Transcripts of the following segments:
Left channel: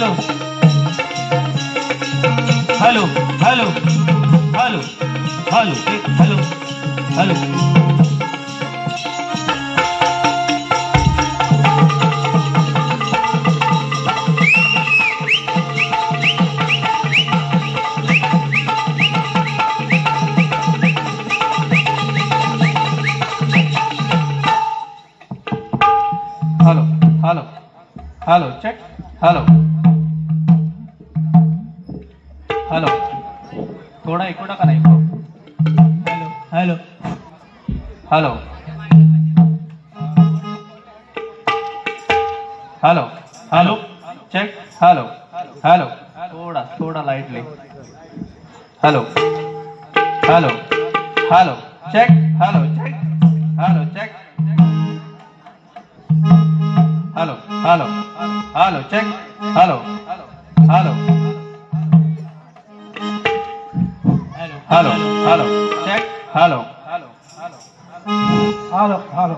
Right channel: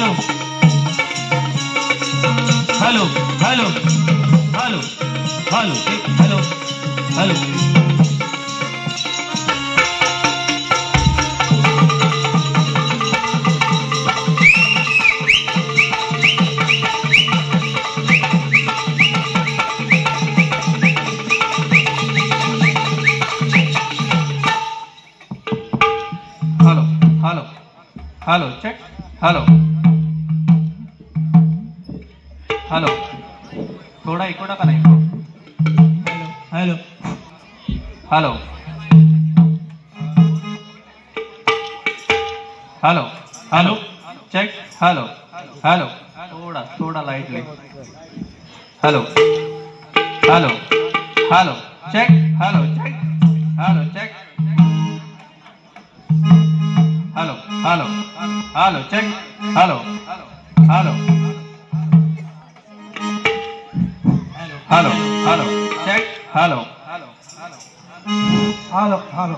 Hello hello hello hello hello hello hello hello hello check hello hello थोडा echo टाका ना echo hello hello hello hello check hello hello थोडा थोडा lightly hello hello hello check hello check hello check hello hello hello check hello hello hello hello check hello hello hello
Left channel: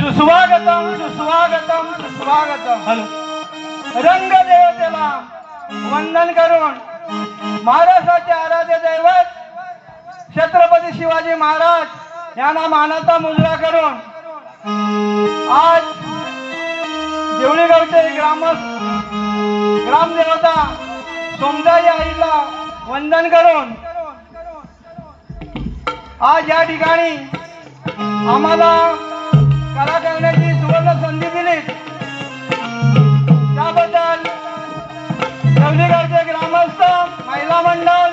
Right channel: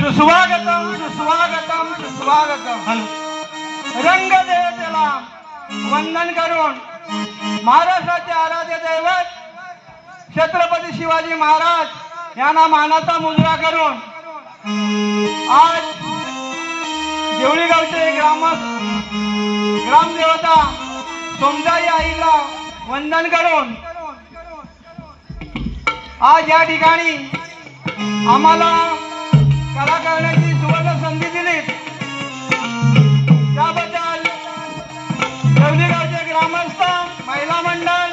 सुस्वागतम सुस्वागतम सुस्वागतम. Hello रंगदेवतेला वंदन करून महाराष्ट्राचे आराध्य दैवत छत्रपती शिवाजी महाराज यांना मानाचा मुजरा करून आज देवळीगावचे ग्रामदेवता सोमजाई आईला वंदन करून आज या ठिकाणी आम्हाला कला करण्याची सुवर्ण संधी दिली त्याबद्दल देवळीगावचे ग्रामस्थ महिला मंडळ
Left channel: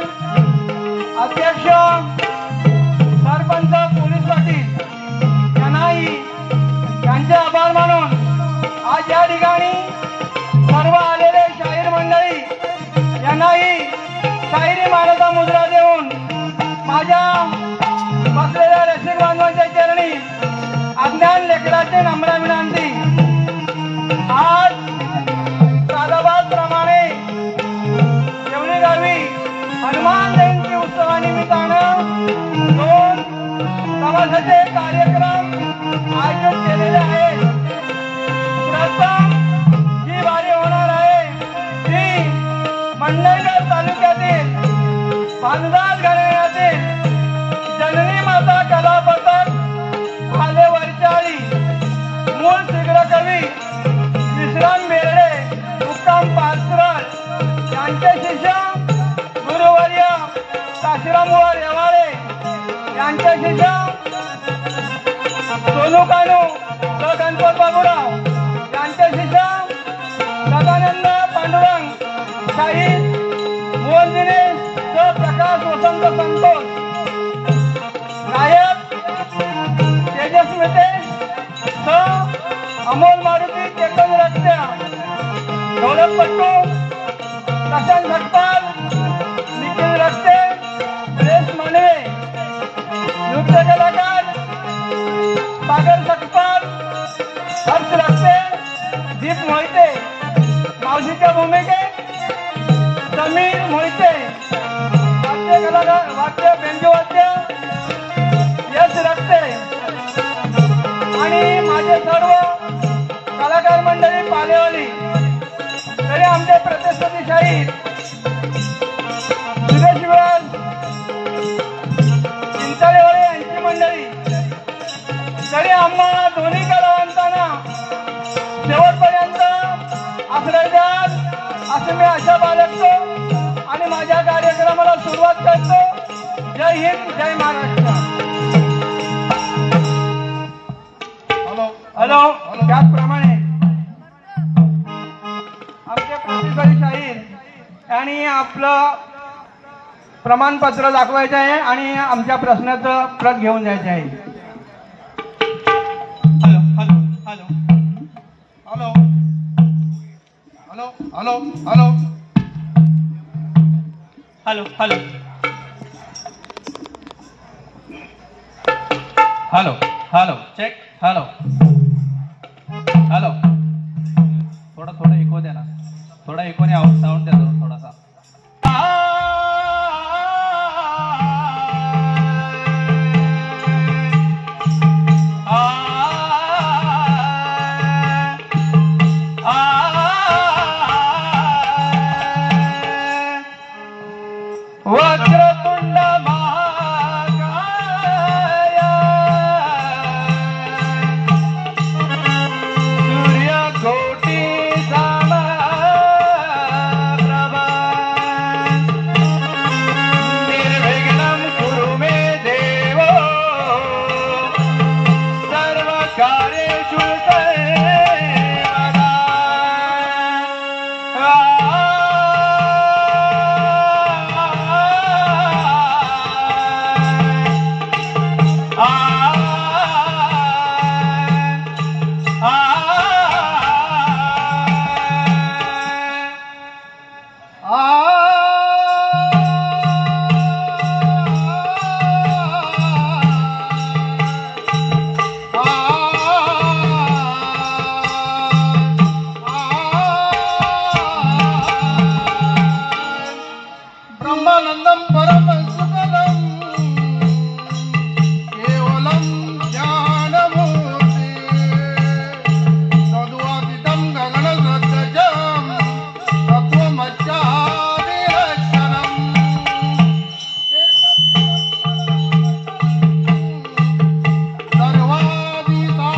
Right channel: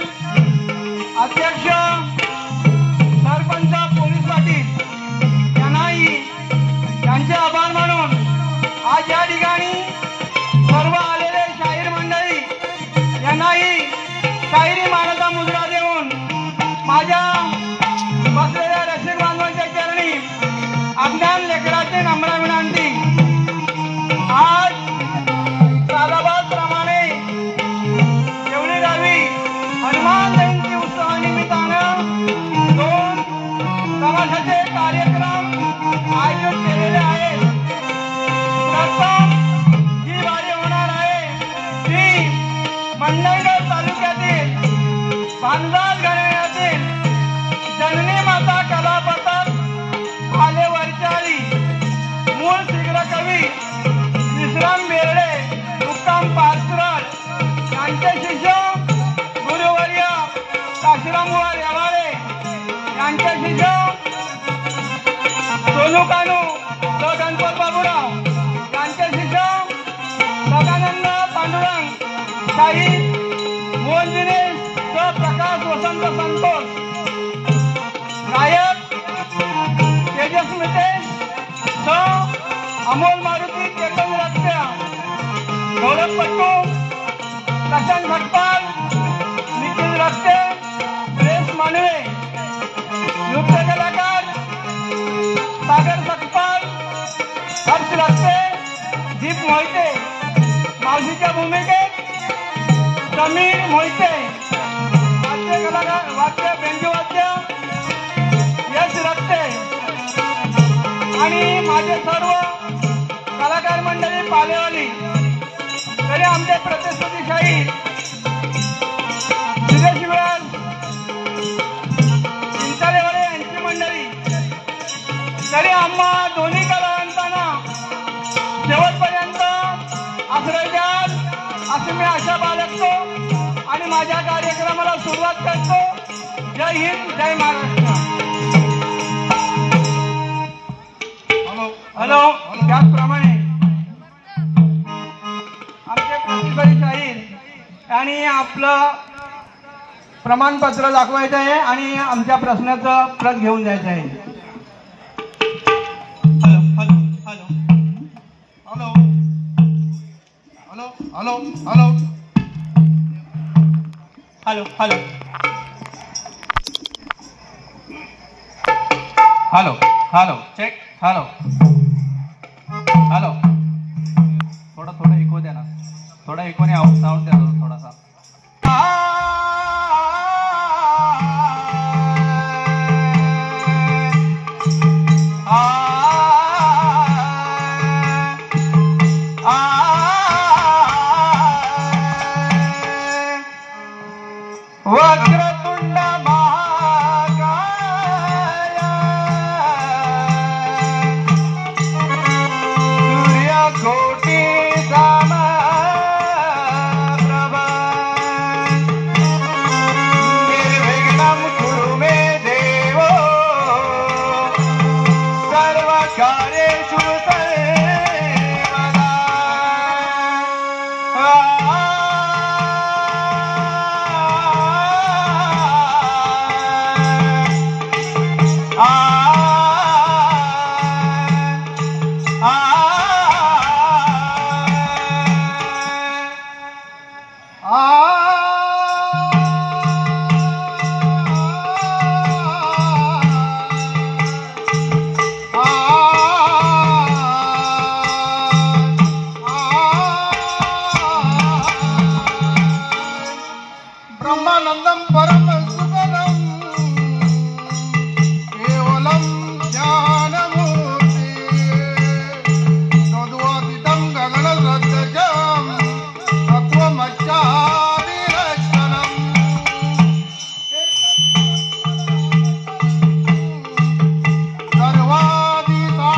अध्यक्ष सरपंच पोलीस पाटील यांनाही त्यांचे आभार मानून आज या ठिकाणी सर्व आलेले शाहीर मंडळी यांनाही शाहिरी मानाचा मुद्रा देऊन माझ्या बसलेल्या रसिक बांधवांच्या चरणी अज्ञान लेकराचे नम्र विनंती. आज कालबादप्रमाणे देवळी गावी हनुमान जयंती उत्सवानिमित्तानं 2 तमाशाचे कार्यक्रम आयोजित केलेले आहेत. प्रथम जी वारी होणार आहे ती मंडणगड तालुक्यातील भानदास घराण्यातील जननी माता कलापथक भाले वरचाळी मूळ शीघ्र कवी विश्राम बेर्डे मुक्काम पाचरड यांचे शिष्य गुरुवर्य काशीरामवर येवाळे यांचे शिष्य सोनू कानू व गणपत बाबूराव यांचे शिष्य सदानंद पांडुरंग शाहीर मोहन दिनेश व प्रकाश वसंत संतोष गायक तेजस मितेश व अमोल मारुती चेतन रस्त्या ढोलकपट्टू प्रशांत झटपाल निखिल रस्ते सुरेश मानवे नृत्य कलाकार सागर सकपाल हर्ष रस्ते दीप मोहिते मावशीच्या भूमिकेत समीर मोहिते वाद्य कलाकार वाद्य बेंजवाद्य यश रस्ते आणि माझे सर्व कलाकार मंडळी पालेवाली तरी आमचे प्रतिस्पर्धी शाहीर सुरेश चिंचालेवाडे यांची मंडळी तरी आम्हा दोन्ही कलावंतांना शेवटपर्यंत आश्रय द्याल असे मी आशा बाळगतो आणि माझ्या कार्यक्रमाला सुरुवात करतो. जय हिंद जय महाराष्ट्र. हॅलो त्याचप्रमाणे आमचे प्रतिस्पर्धी शाहीर आणि आपलं प्रमाणपत्र दाखवायचं आहे आणि आमच्या प्रश्नाचं प्रत घेऊन जायचं आहे. Hello hello hello hello hello hello hello hello hello check hello hello थोडा इको द्या ना, थोडा इकोने साऊंड द्या थोडासा. कार्येषु सर्वदा ब्रह्मानंदं परम सुखदं केवलं ज्ञानमूर्ति तद्वादितं गगनसदृशं तत्त्वमस्यादिलक्षणम्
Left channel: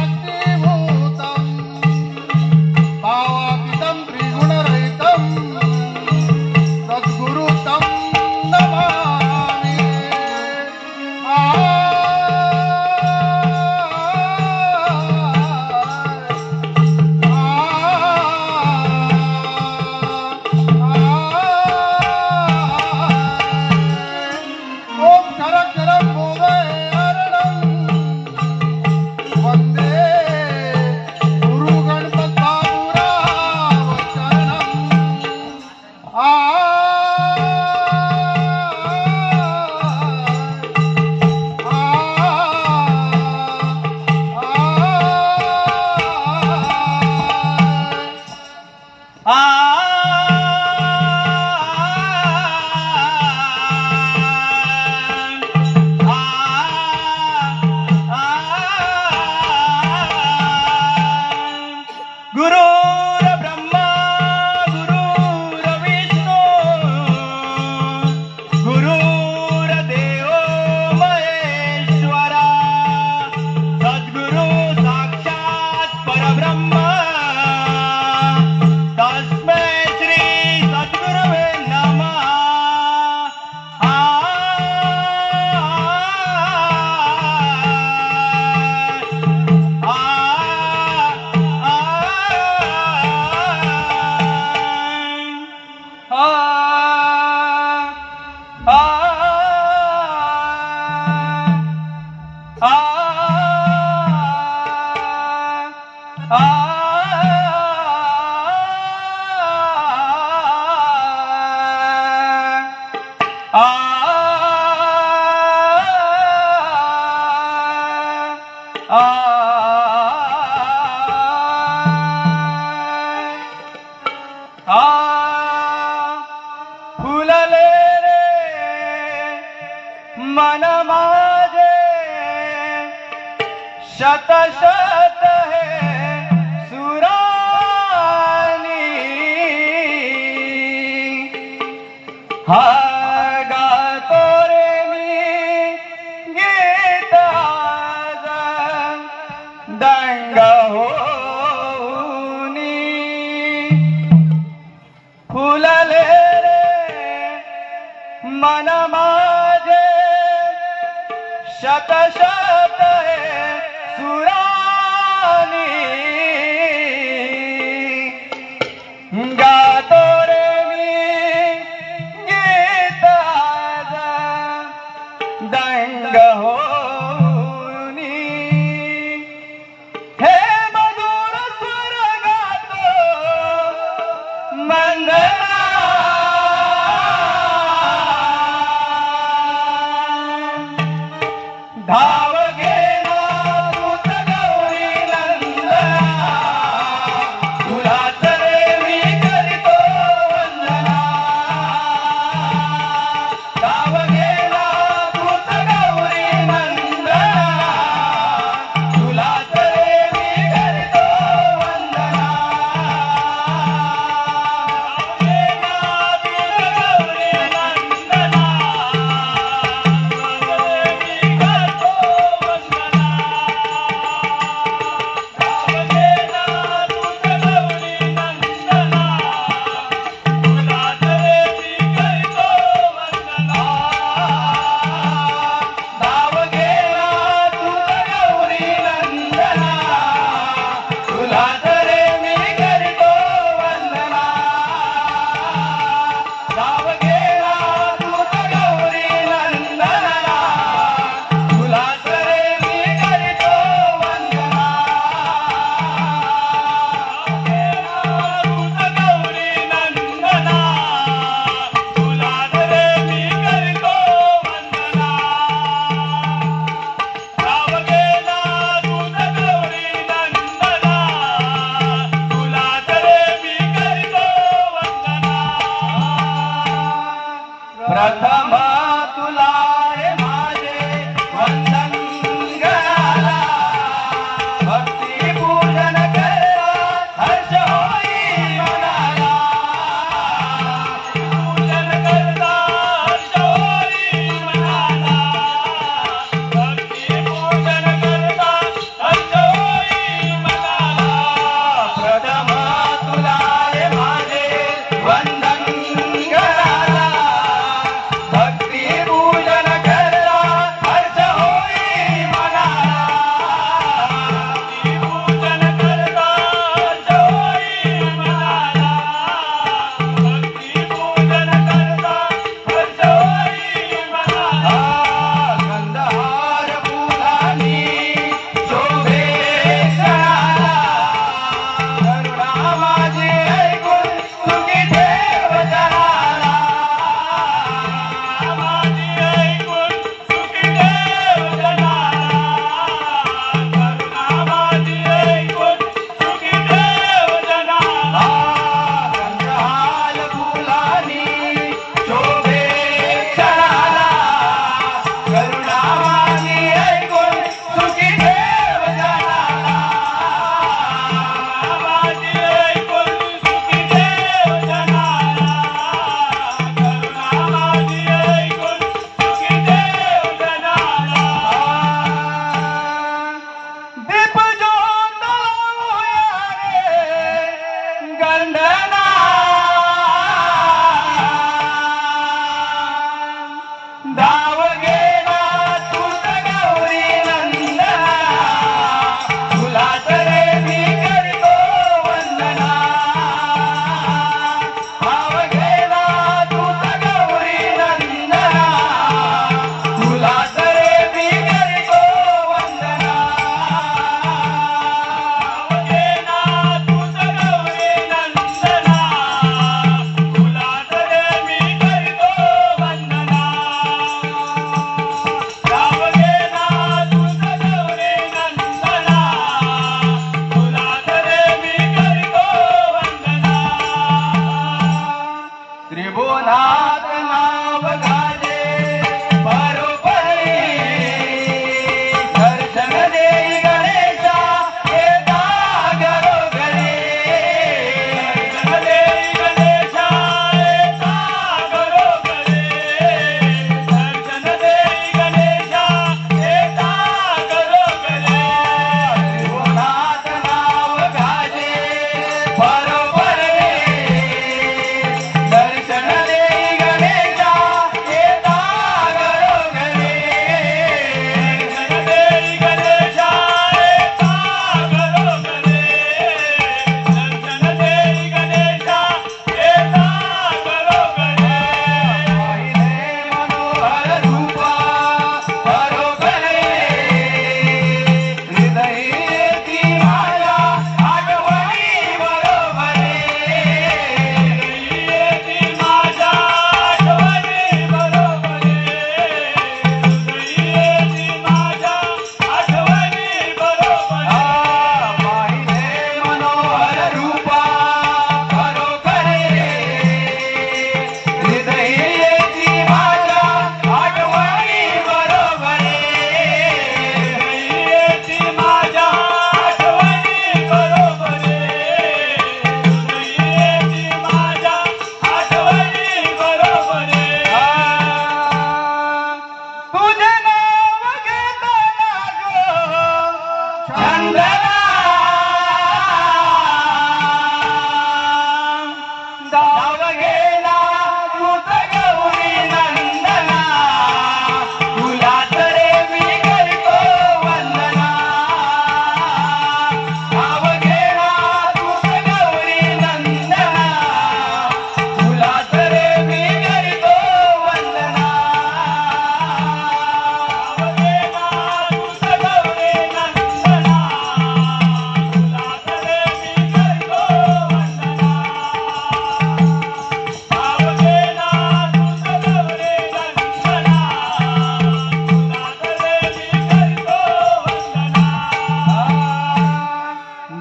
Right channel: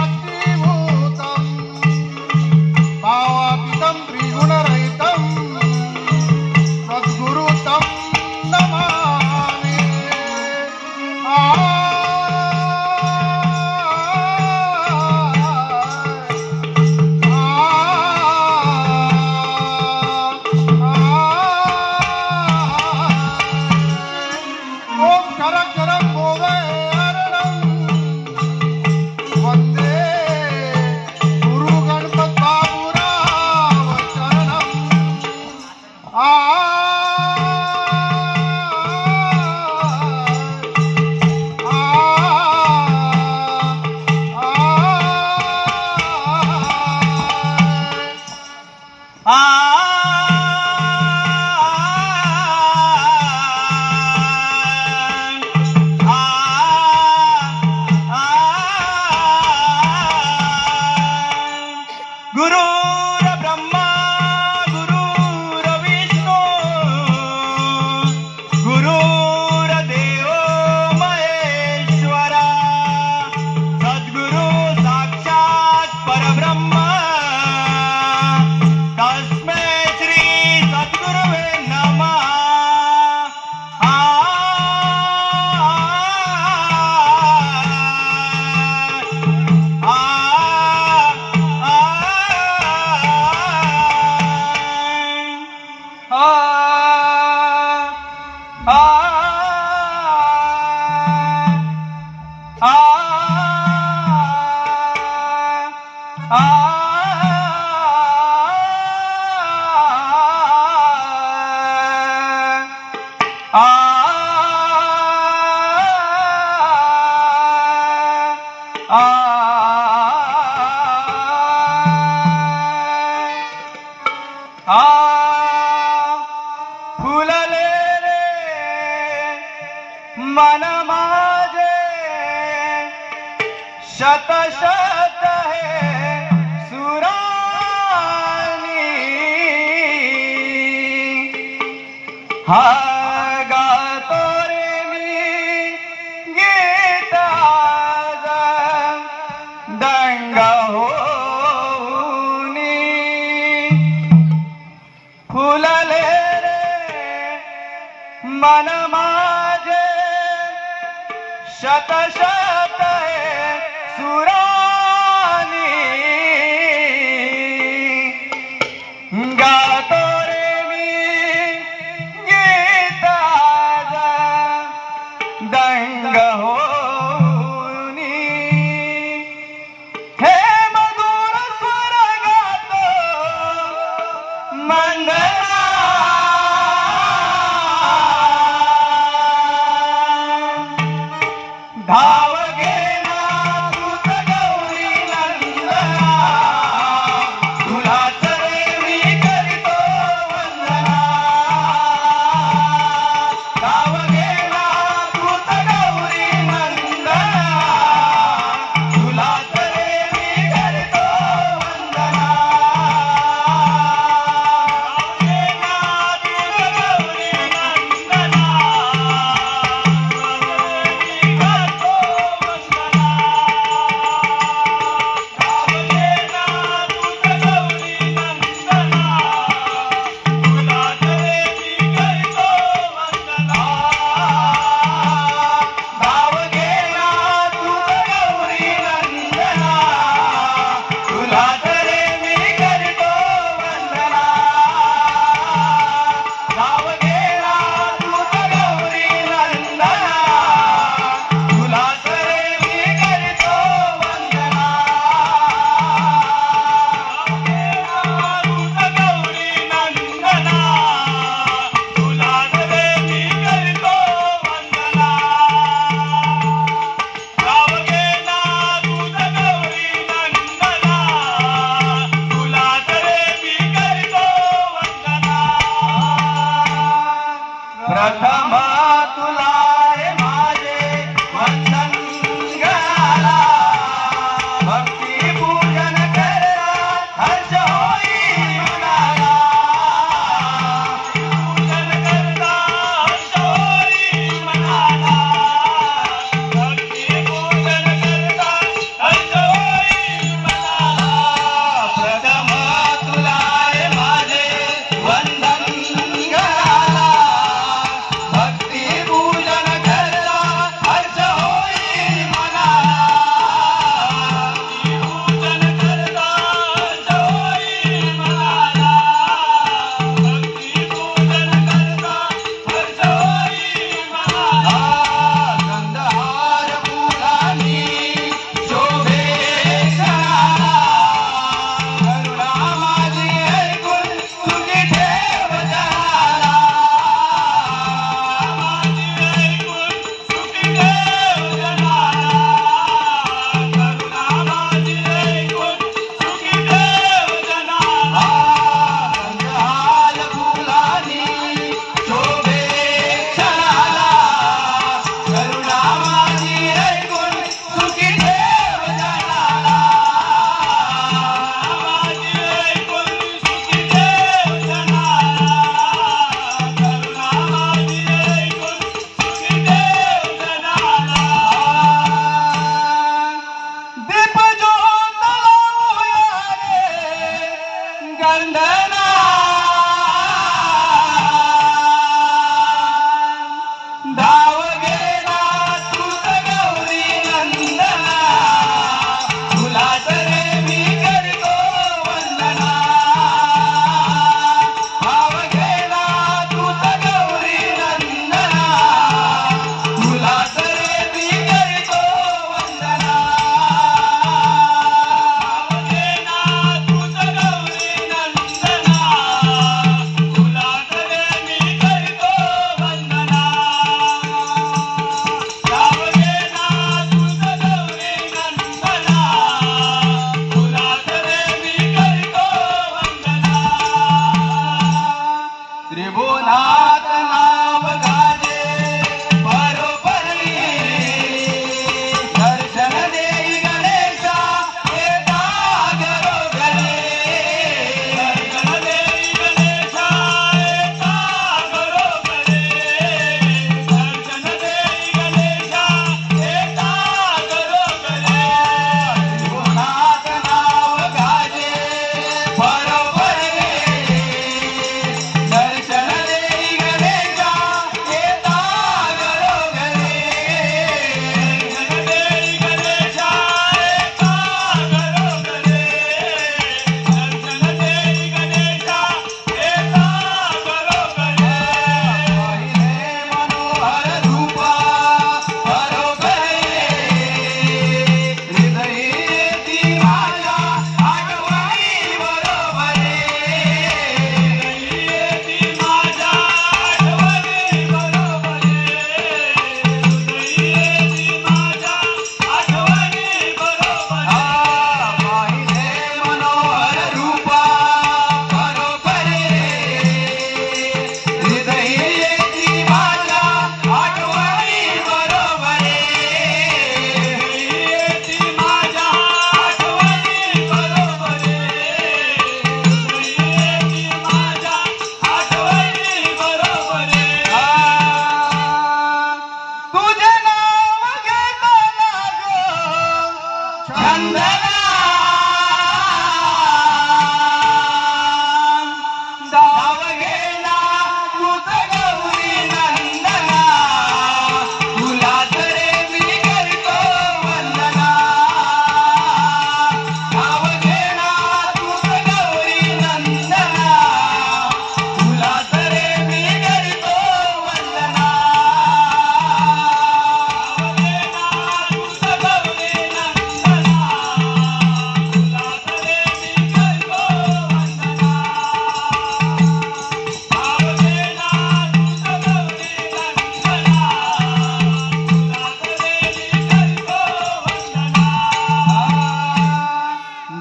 सर्वादिसाक्षीभूतं भावातीतं त्रिगुणरहितं सद्गुरु तं नमामि। ओम करकरं भुवैरणं वन्दे गुरु गणपतिबाबुरावचरणम् गुरुर ब्रह्मा गुरुर विष्णु गुरुर देवो महेश्वरा सद्गुरु साक्षात् परब्रह्म तस्मै श्री सद्गुरुवे नमः। फुलले रे मन माझे शत शत है सुरानी हा गातो रे मी गीत आज दंग होऊनी फुलले मन माझे शत शत है सुरानी गातो रे मी गीत आज दंग होऊनी हे मधुर स्वर गातो मंदना धाव घेना दूत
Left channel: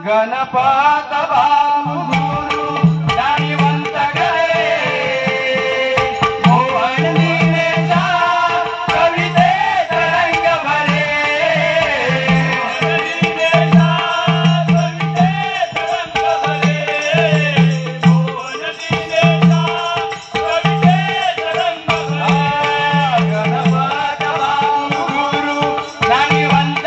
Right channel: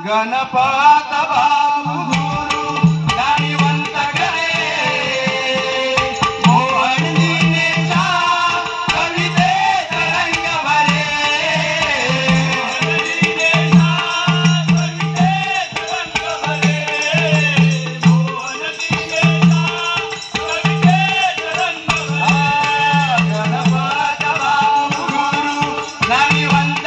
गणपत बाबू गुरु दानिवंत गळे मोहन दिनेशा कवितेत रंग भरे गणपत बाबू गुरु दानिवंत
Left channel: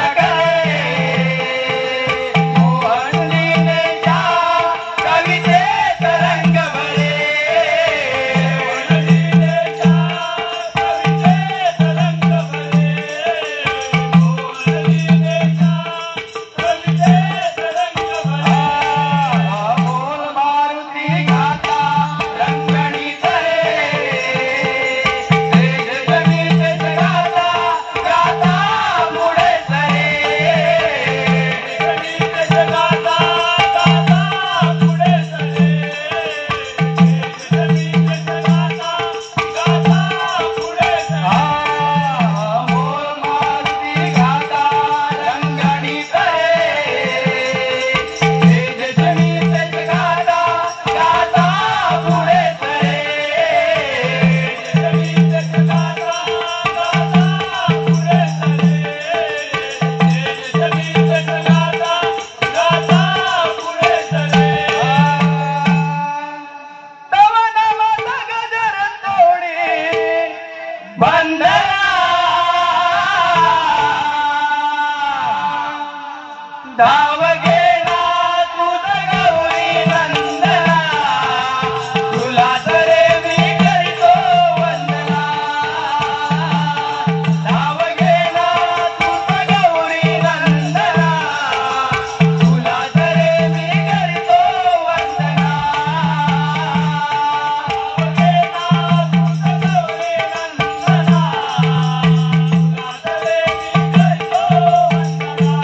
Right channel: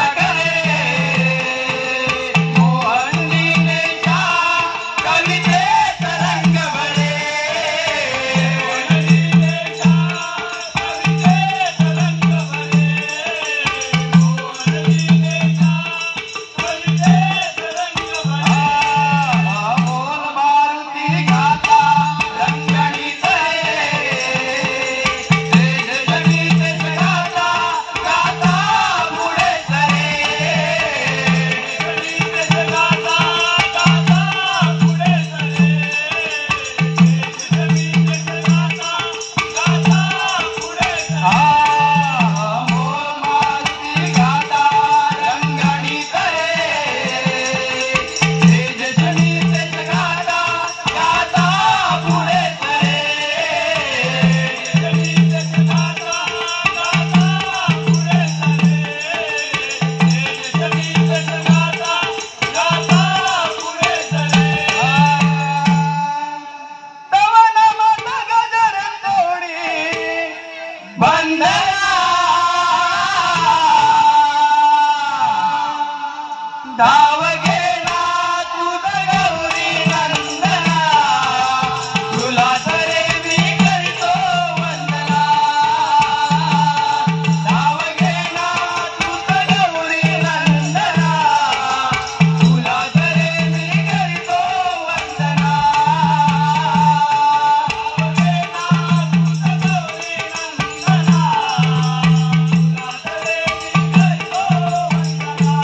धाव गेला तुझ गौरी नंदना तुला तरे मी करतो वंदना धाव गेला तुझ गौरी नंदना तुला तरे मी करतो वंदना धाव गेला तुझ गौरी नंदना तुला तरे मी करतो वंदना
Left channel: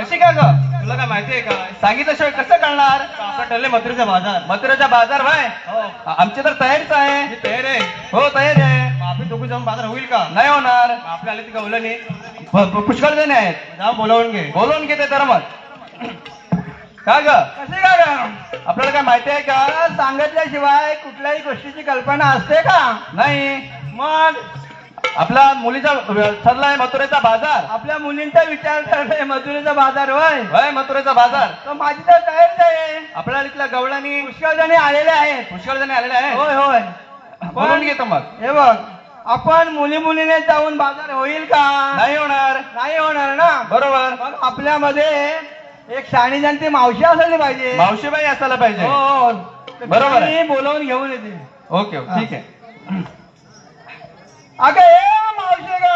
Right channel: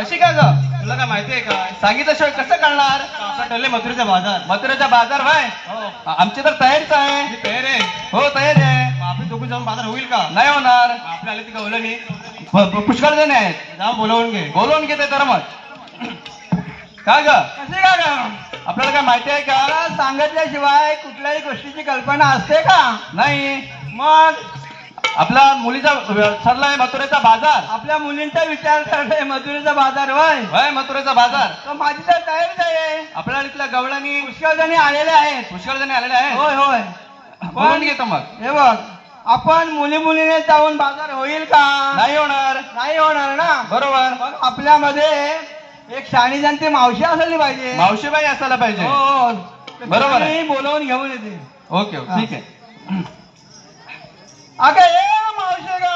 कशी का ग? तुला काय माहिती आहे का सांगितल्याशिवाय कसं कळणार? आपला ठरले मथुरेचा बाजार. मथुरेचा बाजार भाय हो आमची तर तयारीच आहे. मी तयार आहे. हो तयारी आहे. मग आपण दोघं जाऊन बाजार होईल का? नाही होणार. आपल्या आले ती गवलं नाही पुष्कळ जण आहेत. जाऊन बोलावून घे. बोलवून घेते तर मग का ग? कसे का ग? आपल्याला काय माहिती आहे का? सांगितल्याशिवाय कुठल्याही गोष्टीची कल्पना असते का? नाही. मग आपला मुलीचा ठरलाय मथुरेचा बाजार. आपल्या मुलींचा विचार करणे मथुरेचा बाजार होय. होय मथुरेचा बाजार. तर माझी तर तयारीच आहे. आपल्या इथल्या गवळणी पुष्कळ जणी आलेले आहेत. पुष्कळ जणी आलेले आहेत. होय होय. बोलून घेतो मग. हे बघ आपण मुलीने जाऊन बाजार होईल का? नाही होणार. नाही होणार ना. बरोबर. मग आपल्यामध्ये एक शाणी जाणती मावशी असायला पाहिजे. मावशीबाई असायला पाहिजे. हो बरोबर आहे. ती बोलावून घेऊन येते. ओके ओके ठीक आहे. अगं ए मावशी ग.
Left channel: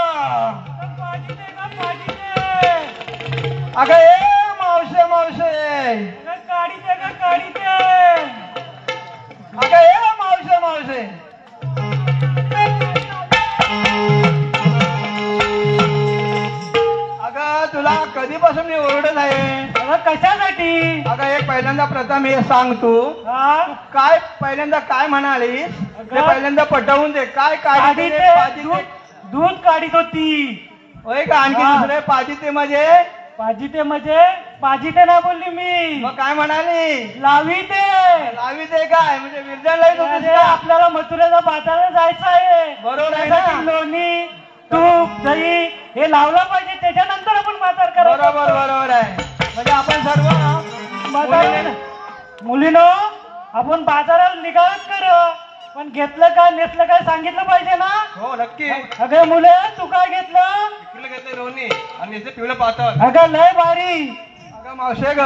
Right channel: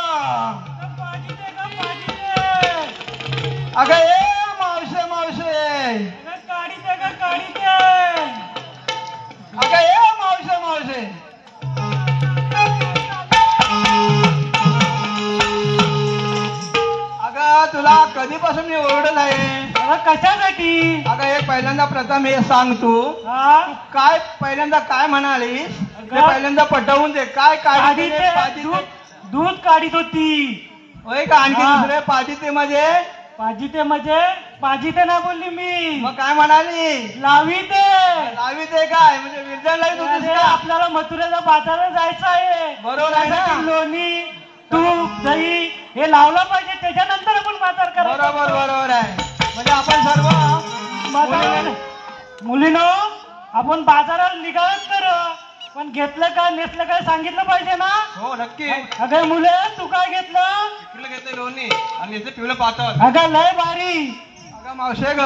अगं ए मावशे मावशे. अगं ए मावशे मावशे. अगं तुला कधीपासून मी ओरडत आहे. कशासाठी? अगं एक पहिल्यांदा प्रथम हे सांग तू काय पहिल्यांदा काय म्हणालीस ते पहिल्यांदा पटवून दे. काय काढी दूध काढीत होती. होय का? आणखी हा. दुसरे पाजिते म्हणजे पाजिते म्हणजे पाजिते ना बोलली मी. मग काय म्हणाली? लावी ते. लावी ते काय म्हणजे विरजणला येत होतीस का? आपल्याला मथुरेच्या बाजारात जायचं आहे. बरोबर आहे त्यासाठी ना? लोणी तूप दही हे लावलं पाहिजे त्याच्यानंतर आपण बाजार करायचा. बरोबर बरोबर आहे. म्हणजे आपण सर्व मुलीनो आपण बाजारात निघालच कर पण घेतलं काय नेसलं काय सांगितलं पाहिजे ना. हो नक्की. अगं मुले तू काय घेतलं? इकडे घेतलं लोणी आणि याचं पिवलं पातळ. अगं लय भारी. अगं मावशे ग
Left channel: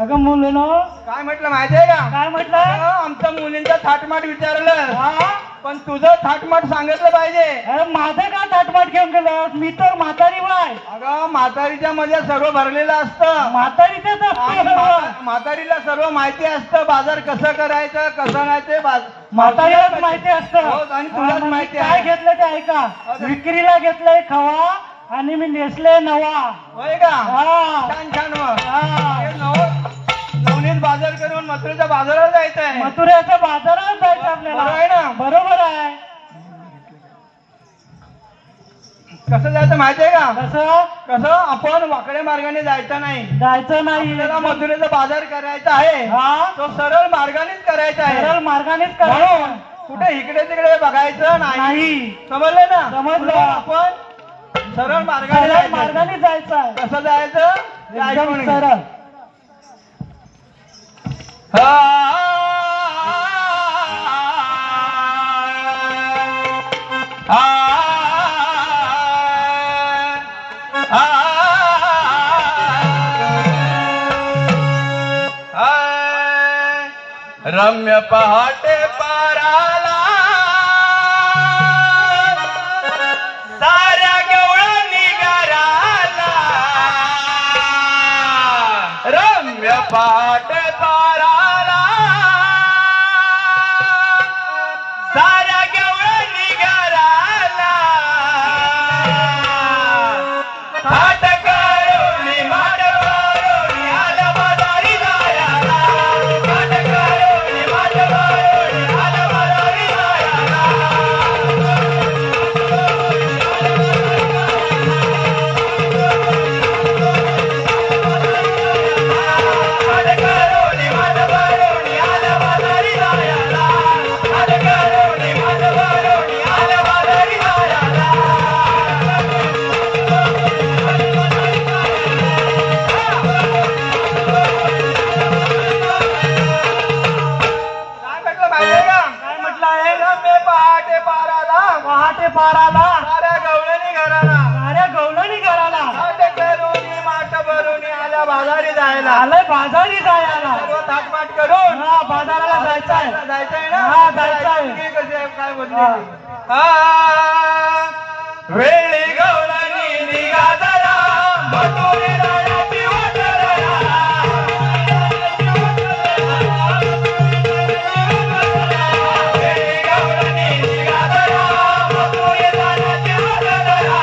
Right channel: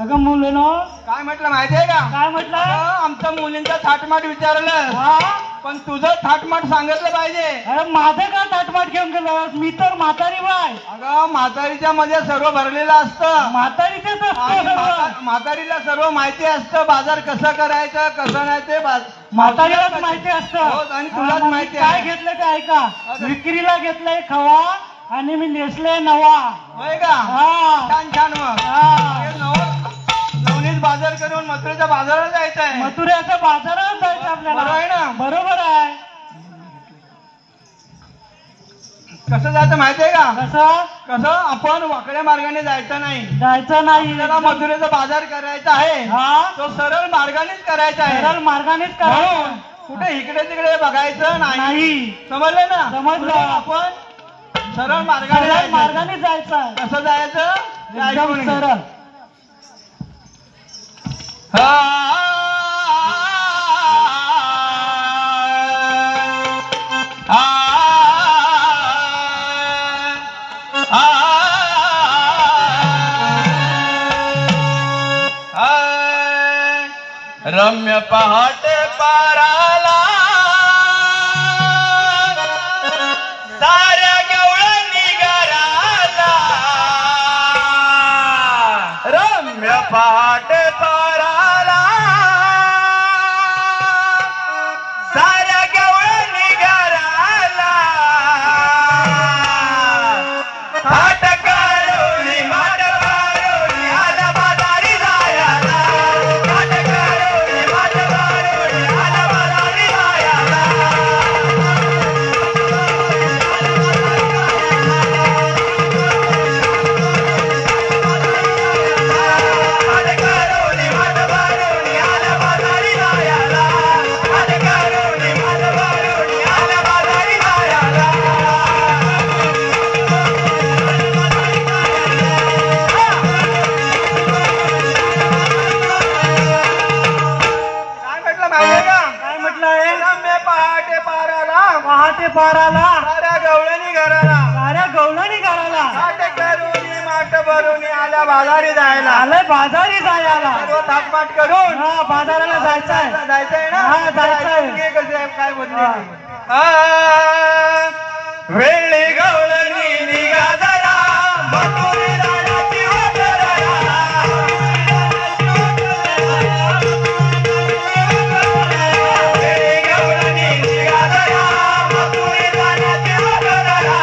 अगं मुलीनो काय म्हटलं माहितीये का? काय म्हटलं? अगं, आमच्या मुलींचं थाटमाट विचारलं हा पण तुझं थाटमाट सांगितलं पाहिजे. अरे माझं का ताटमाट घेऊन गेलं? मी तर म्हातारी बाय. अगं म्हातारीच्या मध्ये सर्व भरलेलं असतं. म्हातारीच आणि म्हातारीला सर्व माहिती असतं बाजार कसं करायचं कसं नाही ते म्हातारीलाच माहिती हो, असतं. आणि तुलाच माहिती काय आहे. घेतलं ते ऐका. अगं. विक्रीला घेतलंय खवा आणि मी नेसले नवा. होय का? हा छान छान मग हा. नवनीत बाजार करून मथुरेच्या बाजाराला जायचं आहे. मथुरेच्या बाजारात जायचं आपल्याला. बरोबर आहे ना? बरोबर आहे. कसं जायचं माहितीये का? कसं कसं आपण वाकड्या मार्गाने जायचं नाही. जायचं नाही. आपल्याला मथुरेचा बाजार करायचा आहे हा तो सरळ मार्गानेच करायचा आहे. सरळ मार्गानेच म्हणून करायचं कुठे इकडे तिकडे बघायचं नाही. नाही. समजलं ना? समजलं. म्हणून आपण सरळ मार्गाने सरळ जायचं. मार्गाने जायचं आहे. कसं जायचं ते ऐकून एकदम घे. सरळ. रम्य पहाटे पाराला साऱ्या गवळणी घराला. रम्य पहाटे पाराला साऱ्या गवळणी घराला. फाट करुणी माट करुणी आला बाजारी जायला. फाट करुणी माट करुणी आला बाजारी जायला. फाट करुणी माट करुणी आला बाजारी जायला. फाट करुणी माट करुणी आला बाजारी जायला. काय म्हटलं माहितीये का? काय म्हटलं आहे? रम्य पहाटे पाराला पहाटे पाराला साऱ्या गवळणी घराला. साऱ्या गवळणी घराला. फाट करुणी माट भरुणी आला बाजारी जायला. आलंय बाजारी जायला. सर्व थाटमाट करून हा बाजाराला जायचंय. जायचंय ना? हा, जायचंय. ऐकून घे कसे काय बोलले. वेळी गवळणी निघा जरा मथुरे जाण्याची वाटरया. वेळी गवळणी निघा जरा मथुरे जाण्याची वाटरया.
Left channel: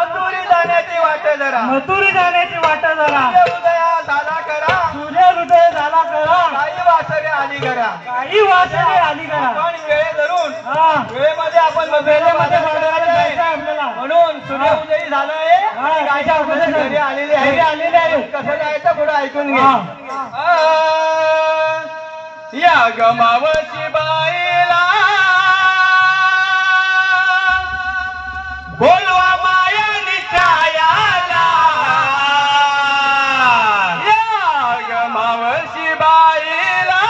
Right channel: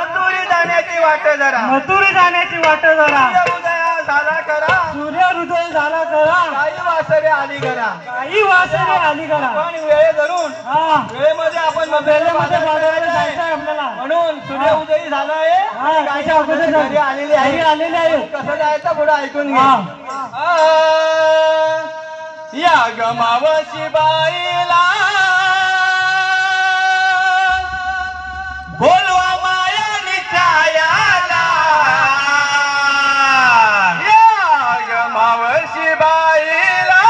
मथुरी जाण्याची वाट जरा मथुरी जाण्याची वाट जरा उदया झाला करा सूर्य हृदय झाला करा काही वासरे आली करा काही वासरे आली करा पण वेळ धरून हा वेळेमध्ये आपण वेळेमध्ये बाजाराला जायचं आहे आपल्याला म्हणून सूर्य उदयी झालंय हा, त्याच्या अगोदर घरी आलेले आहे घरी आलेले आहे कसं जायचं पुढे ऐकून घे हा. या गमावशी बाईला बोलवा माया नित्याला या गमावशी बाईला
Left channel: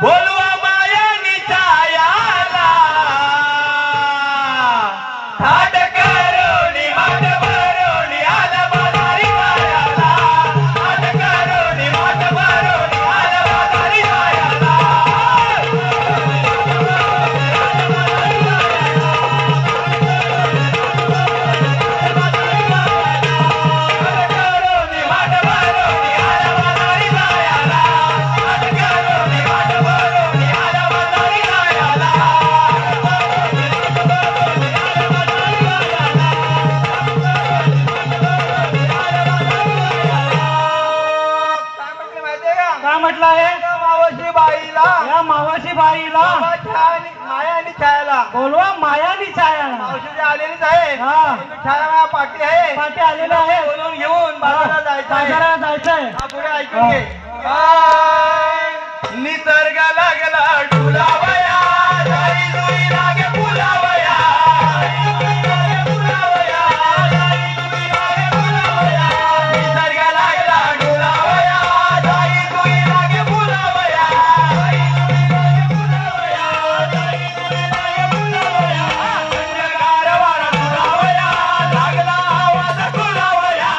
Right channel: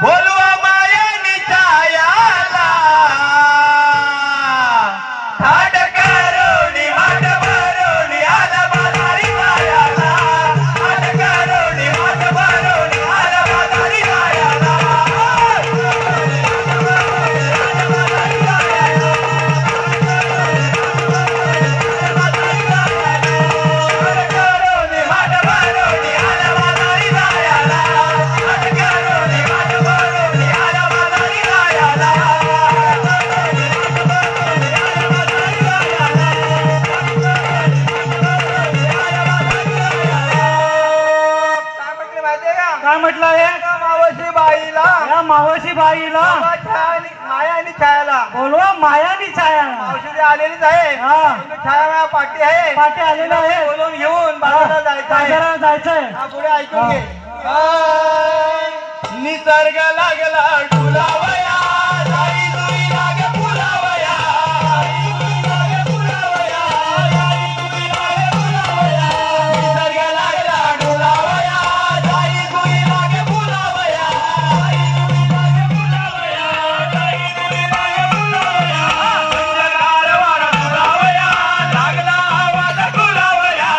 बोलवा माया नित्याला थाट करोनी माट भरोनी आला बाजारी गायाला थाट करोनी माट भरोनी आला बाजारी गायाला काय म्हटलं आहे मावशी बाईला या मावशी बाईला माया आणि छायाला बोलवा मायानी छायाला मावशी आलेलीच आहे हा छाया पाठी आहे पाठी आलेला आहे बोलून घेऊन बाजारात जायचं आहे बाजारात जायचंय हा, पुढे ऐकून घे निसर्ग लागला डुलावया जाई जुई लागे फुलावया निसर्ग लागला डुलावया जाई जुई लागे फुलावया गारवारा फुलावया लागला आवाज फुलावया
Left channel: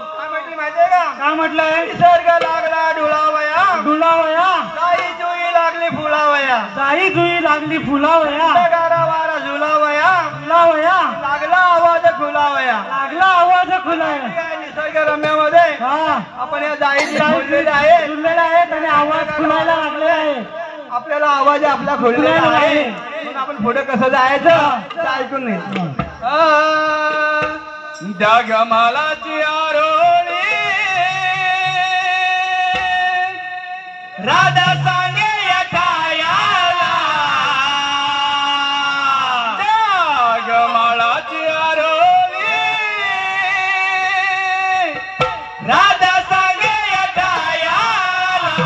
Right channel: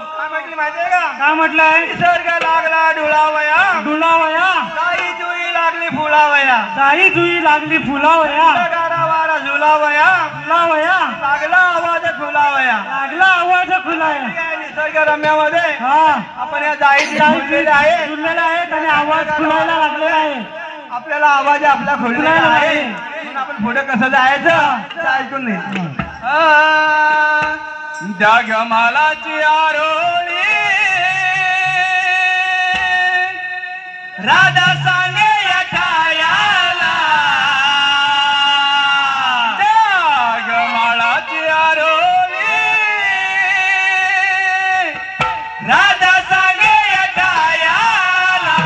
काय म्हटलंय निसर्ग लागला डुलावया डुलावया काही जुई लागली फुलावया काही जुई लागली फुलावया गारावारा झुलावया फुलावया लागला आवाज फुलावया लागला आवाज खुलाय निसर्ग रम्यामध्ये हा आपण या जाईत झुललेले आहे झुललेला आहे त्याने आवाज खुलायला लागले आहे आपल्याला आवाज आपला खुललेला आहे म्हणून आपण पुढे कसं जायचं ते ऐकून नाही जगमालाची आरोळी राधा सांगे या ठायाला जगमालाची आरोळी राधा सांगे या ठायाला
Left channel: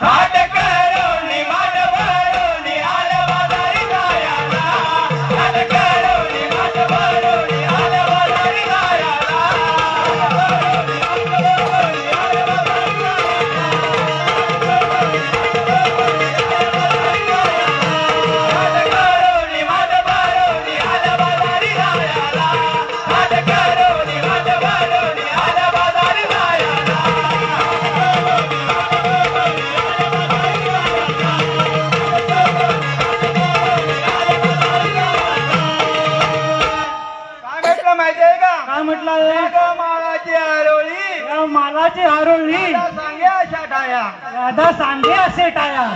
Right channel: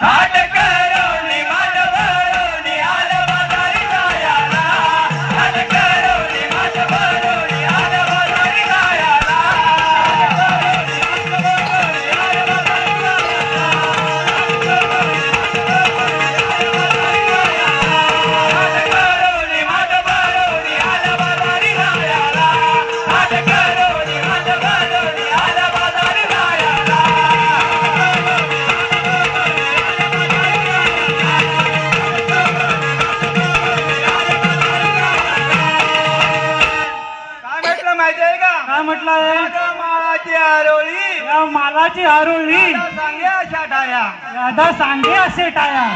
थाट करोनी माट भरोनी आला बाजारी गायाला थाट करोनी माट भरोनी आला बाजारी गायाला थाट करोनी माट भरोनी आला बाजारी गायाला थाट करोनी माट भरोनी आला बाजारी गायाला काय म्हटलं माहितीये का काय म्हटलंय माळाची आरोळी या मालाची आरोळी सांगे अशा टाया राधा सांगे असे टाया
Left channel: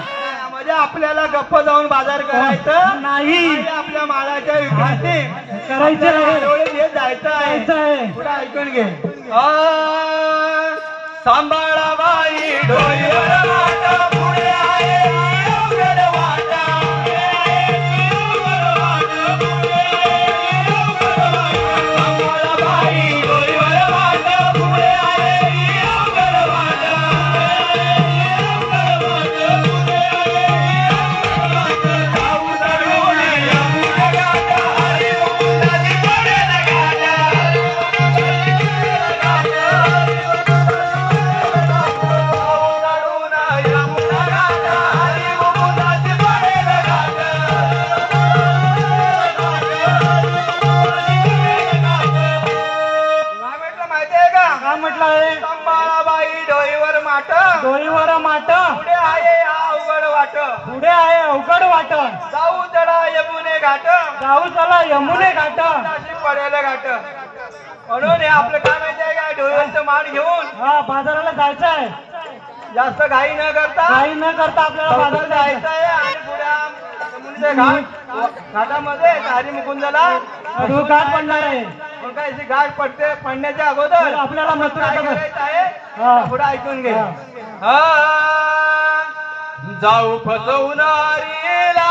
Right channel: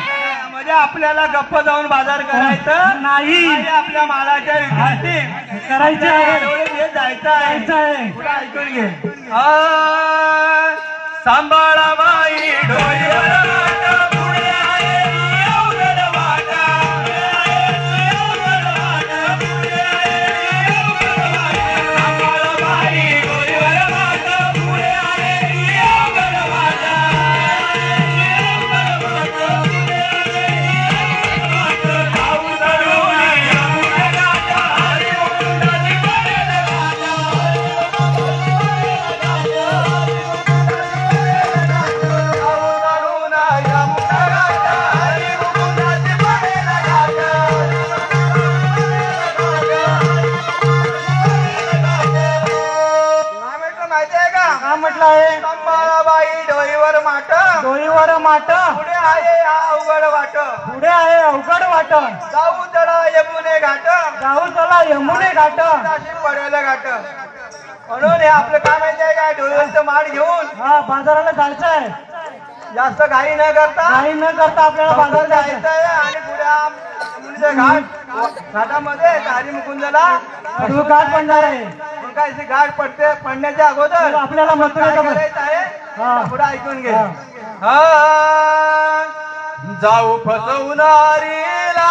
म्हणजे आपल्याला गप्प जाऊन बाजार करायचं नाही आणि आपल्या मालाच्या विक्रीसाठी करायचे आहे आरोळी घेत जायचं आहे जायचं आहे पुढे ऐकून घे सांभाळाबाई डोईवर वाटा पुढे आहे अवघड वाटा सांभाळाबाई डोईवर वाटा पुढे आहे अवघड वाटा यमुना माट डोईवर माट पुढे आहे हा अवघड वाट पुढे आहे अवघड वाट जाऊ चढा यमुने घाट जाऊ चला यमुने घाट नाशिक पडायला घाट म्हणून हे आपलं काय माहिती आहे काय डोळ्याचं माठ घेऊन हा बाजाराला जायचं आहे जास्त घाई न करता आपल्याला बाजारात जायचं जायचं आहे आणि पुढे यमुनेच्या घाटामध्ये हरी मुकुंदला घाट पडणार आहे मग काय घाट पडण्याच्या अगोदर तर आपल्याला मथुरेला काय करायचं आहे पुढे ऐकून घे हा जाऊ फसवणारीला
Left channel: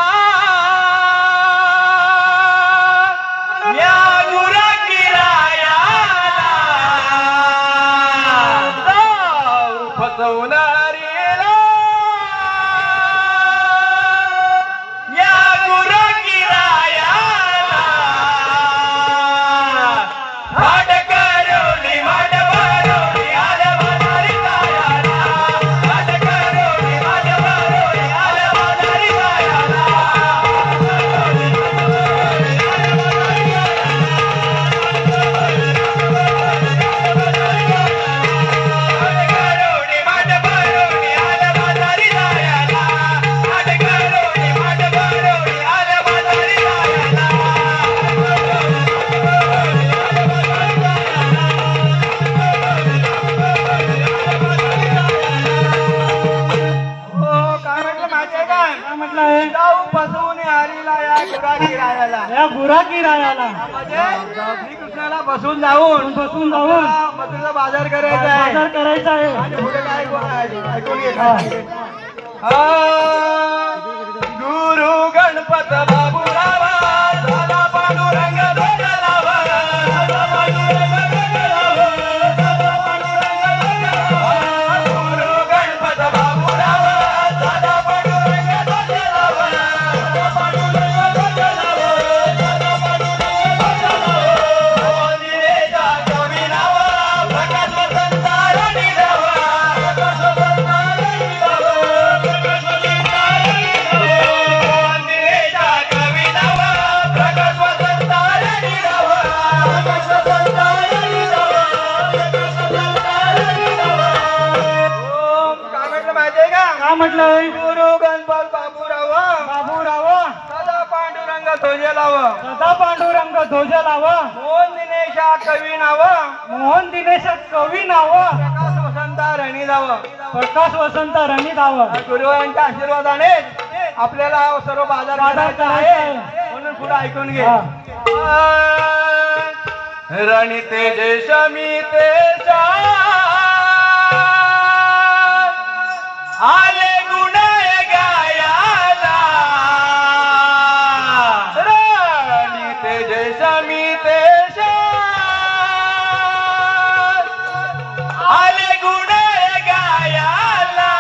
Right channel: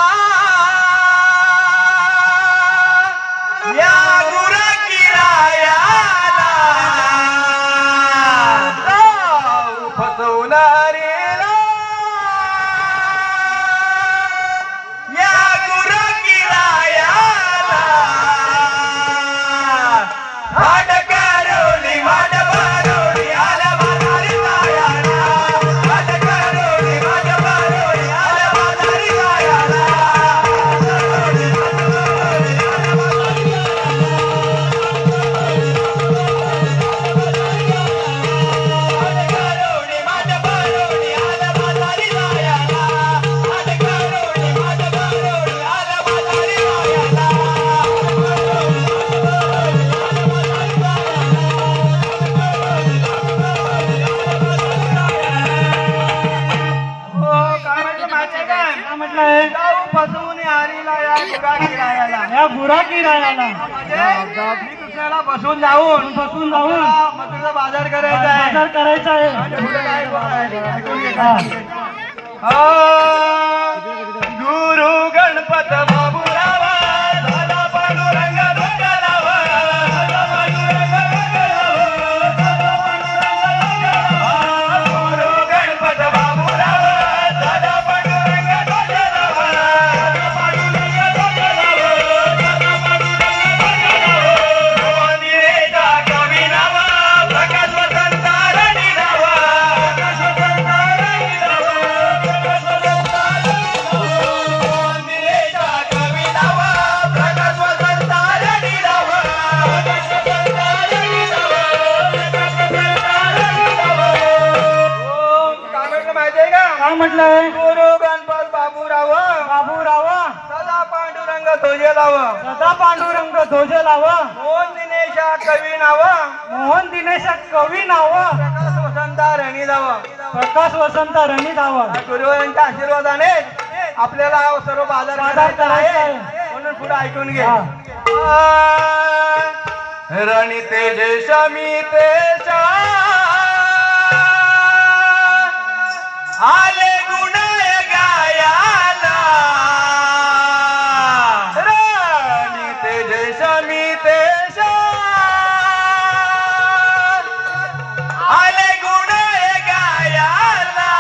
या फसवणारीला या गुरकिरायाला माठ करोली माठ भरोली आला बाजारी जायाला माठ करोली माठ भरोली आला बाजारी जायाला या गुराकिरायाला मी कृष्णाला बसून जाऊन मथुरेचा बाजार करायचा आहे बाजार करायचा आहे आणि पुढे काय बोलायचं? ऐकून घे. गुरु गणपत बाबूरावा झाला पांडुरंग भगरावा, झाला पांडुरंग भगरावा, गुरु गणपत बाबूरावा झाला पांडुरंग भगरावा, पांडुरंग भगरावा, मंदिरेचा कवी नावा प्रकाश वसंता रणी नावा, प्रकाश वसंता रणी नावा, प्रकाश वसंता मंदिरेचा कवी नावा प्रकाश वसंता रणी नावा, प्रकाश वसंता रणी नावा, प्रकाश वसंता रणी नावा. काय म्हटलं माहितीये का? काय म्हटलंय गुरु गणपत बाबूराव बाबूराव सदा पांडुरंग ध्वजे लाव, सदा पांडुरंग ध्वज लाव मोहन दिनेशा कवी नाव, मोहन दिनेश कवी नाव प्रकाश वसंता रणी नाव. प्रकाश वसंत रणी नाव गुरुवारांच्या आशीर्वादाने आपल्याला सर्व बाजार बाजार करायचा आहे. म्हणून पुढे ऐकून घे. हा. रणी तेजेशा मी तेजा आले गुण गायाला, रणी तेजेशा मी तेजा आले गुण गायाला,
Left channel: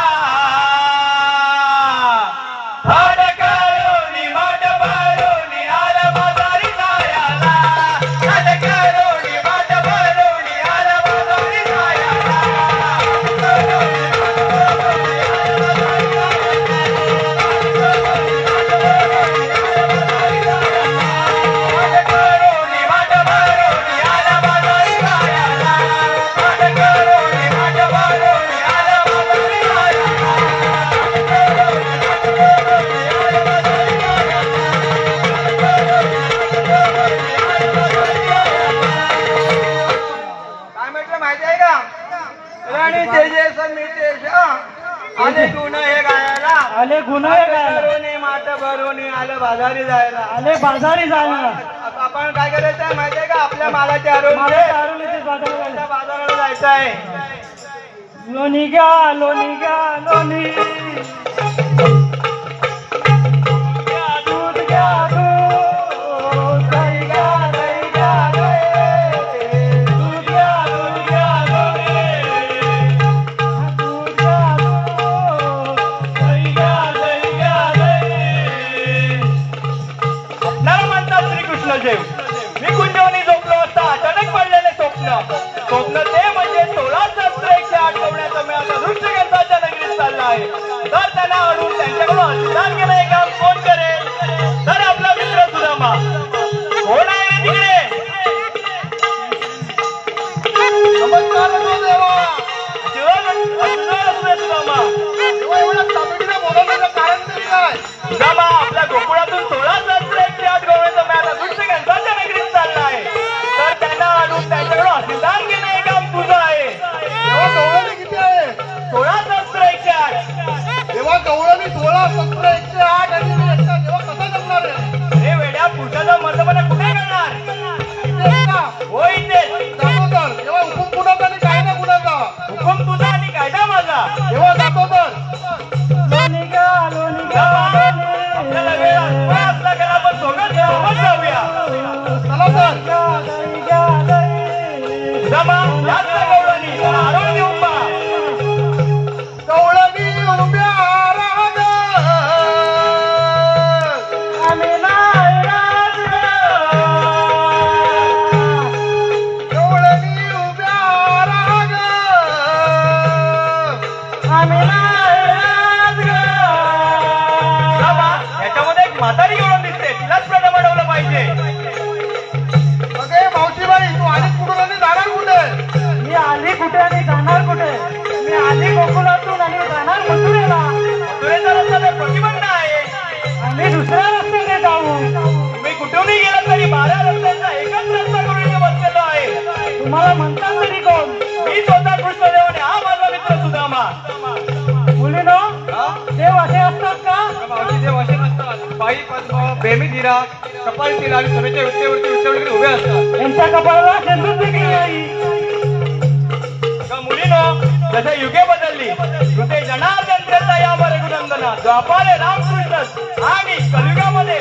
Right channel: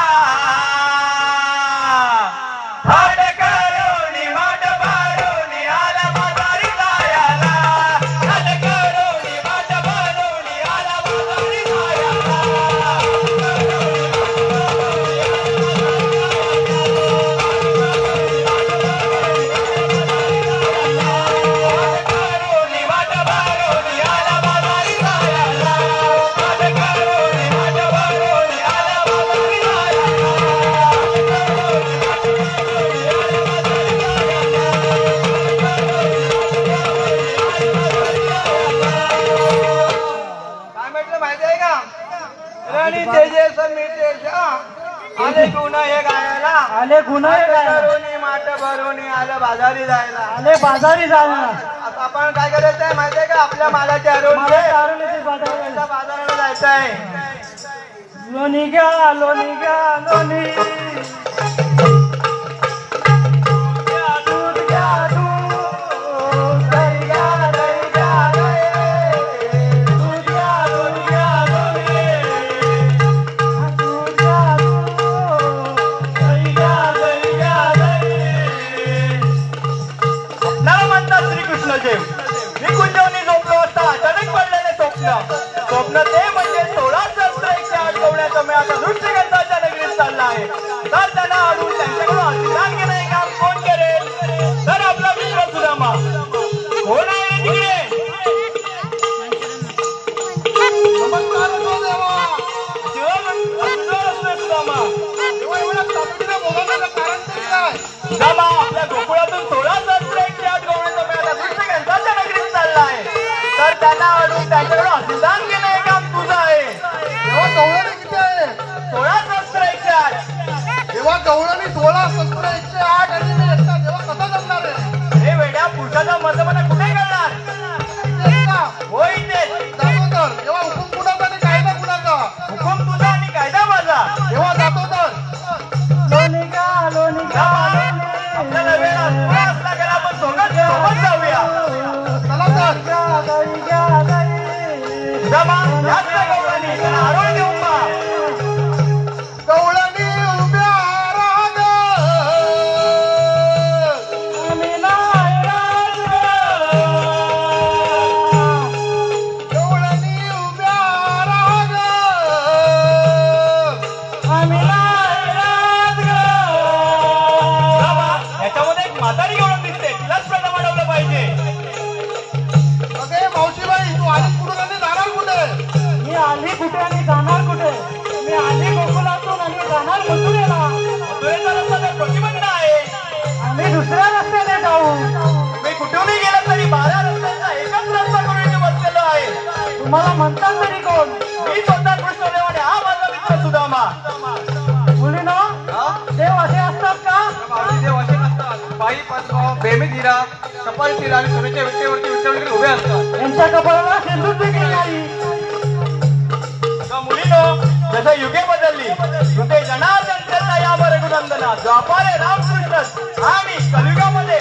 हाड करोनी माठ भरोनी आला बाजारी जायाला, हाड करोनी माठ भरोनी आला बाजारी जायाला, हाड करोनी माठ भरोनी आला बाजारी जायाला, हाड करोनी माठ भरोनी आला बाजारी काय म्हटलं माहिती आहे का? राणी तेजेश मितेश आले गुण हे गायला, आले गुन्हे काय करोनी माठ भरोनी आलं बाजारी जायला. आले बाजारी जाऊन आता आपण काय करायचं आहे माहिती आहे का? आपल्या मालाचे आरोग्य बाजाराला बाजाराला जायचं आहे. लोणी घ्या लोणी घ्या लोणी दूध घ्या दूध दही घ्या दही घ्या दही दूध घ्या दूध घ्या दूध घ्या दूध दही घ्या दही घ्या दही. आपल्याला म्हणतात श्रीकृष्ण देव मी कुंजवनी झोपलो असता अचानक पडलेले स्वप्न ते म्हणजे 16 शस्त्र 108 गवण्याचं मी आता नृत्यगंधाच्या नगरीत चालला आहे. तर त्यांना आणून त्यांच्याकडून आशीर्वाद घेणं हे काम कोण करेल? तर आपला मित्र सुदामा. कोण आहे तिकडे? नमस्कार देवा. शस्त्र 108 आणि मी एकटा देवा कसा जगणार आहे? हे वेड्या पुरुषाचा मर्दपणा कुठे करणार? तेच का? होय ते जातो तर तेव्हा हुकूम कुणाचा आणि कायदा कुणाचा? हुकूम तुझा आणि कायदा माझा. तेव्हा जातो तर लोणीच्या आपल्याला वेळ असला गेला आपण सोबत जाऊया. चला तर सुदामा याच ना गौराणी त्याला आरोग्य देऊन बा. गवळणी उभ्या राहत आम्ही नाही राहत. गवळणी उभ्या राहत आम्ही नाही राहत. सुदामा याच्यामध्ये एक म्हातारी गौरव दिसते तिलाच प्रथम अडवलं पाहिजे. अगे मावशीबाई तू आली कुठून आणि जाणार कुठे? मी आली कुठे आणि जाणार कुठे? मी आली गोकुळातून आणि जाणार मथुरेला. मथुरेचा रस्ता तर प्रतिबंध आहे. आम्ही दुसऱ्या रस्त्याने जाऊ. तुम्ही कुठूनही गेलात तरी 12 रस्त्यांचा एकच रस्ता करून इथे बसलेला आहे. तुम्हाला म्हणतात तरी कोण? मी स्वतः कृष्णदेव आणि हा माझा मित्र सुदामा. मुलीनो देव असे असतात का? मावशी देव असे नसतात. पायी पद्म बेमी धीरा कपाळी तिला आणि सभेच्या विटेवरती विटेवरती उभे असतात. यांच्या कपाळाला शेंदूर देखील नाही. का मुलीनो जसं युगे बदलली युगे जनार्दन करता यावर रघुनंदना द्वापारे रामकृष्ण आणि कलियुगामध्ये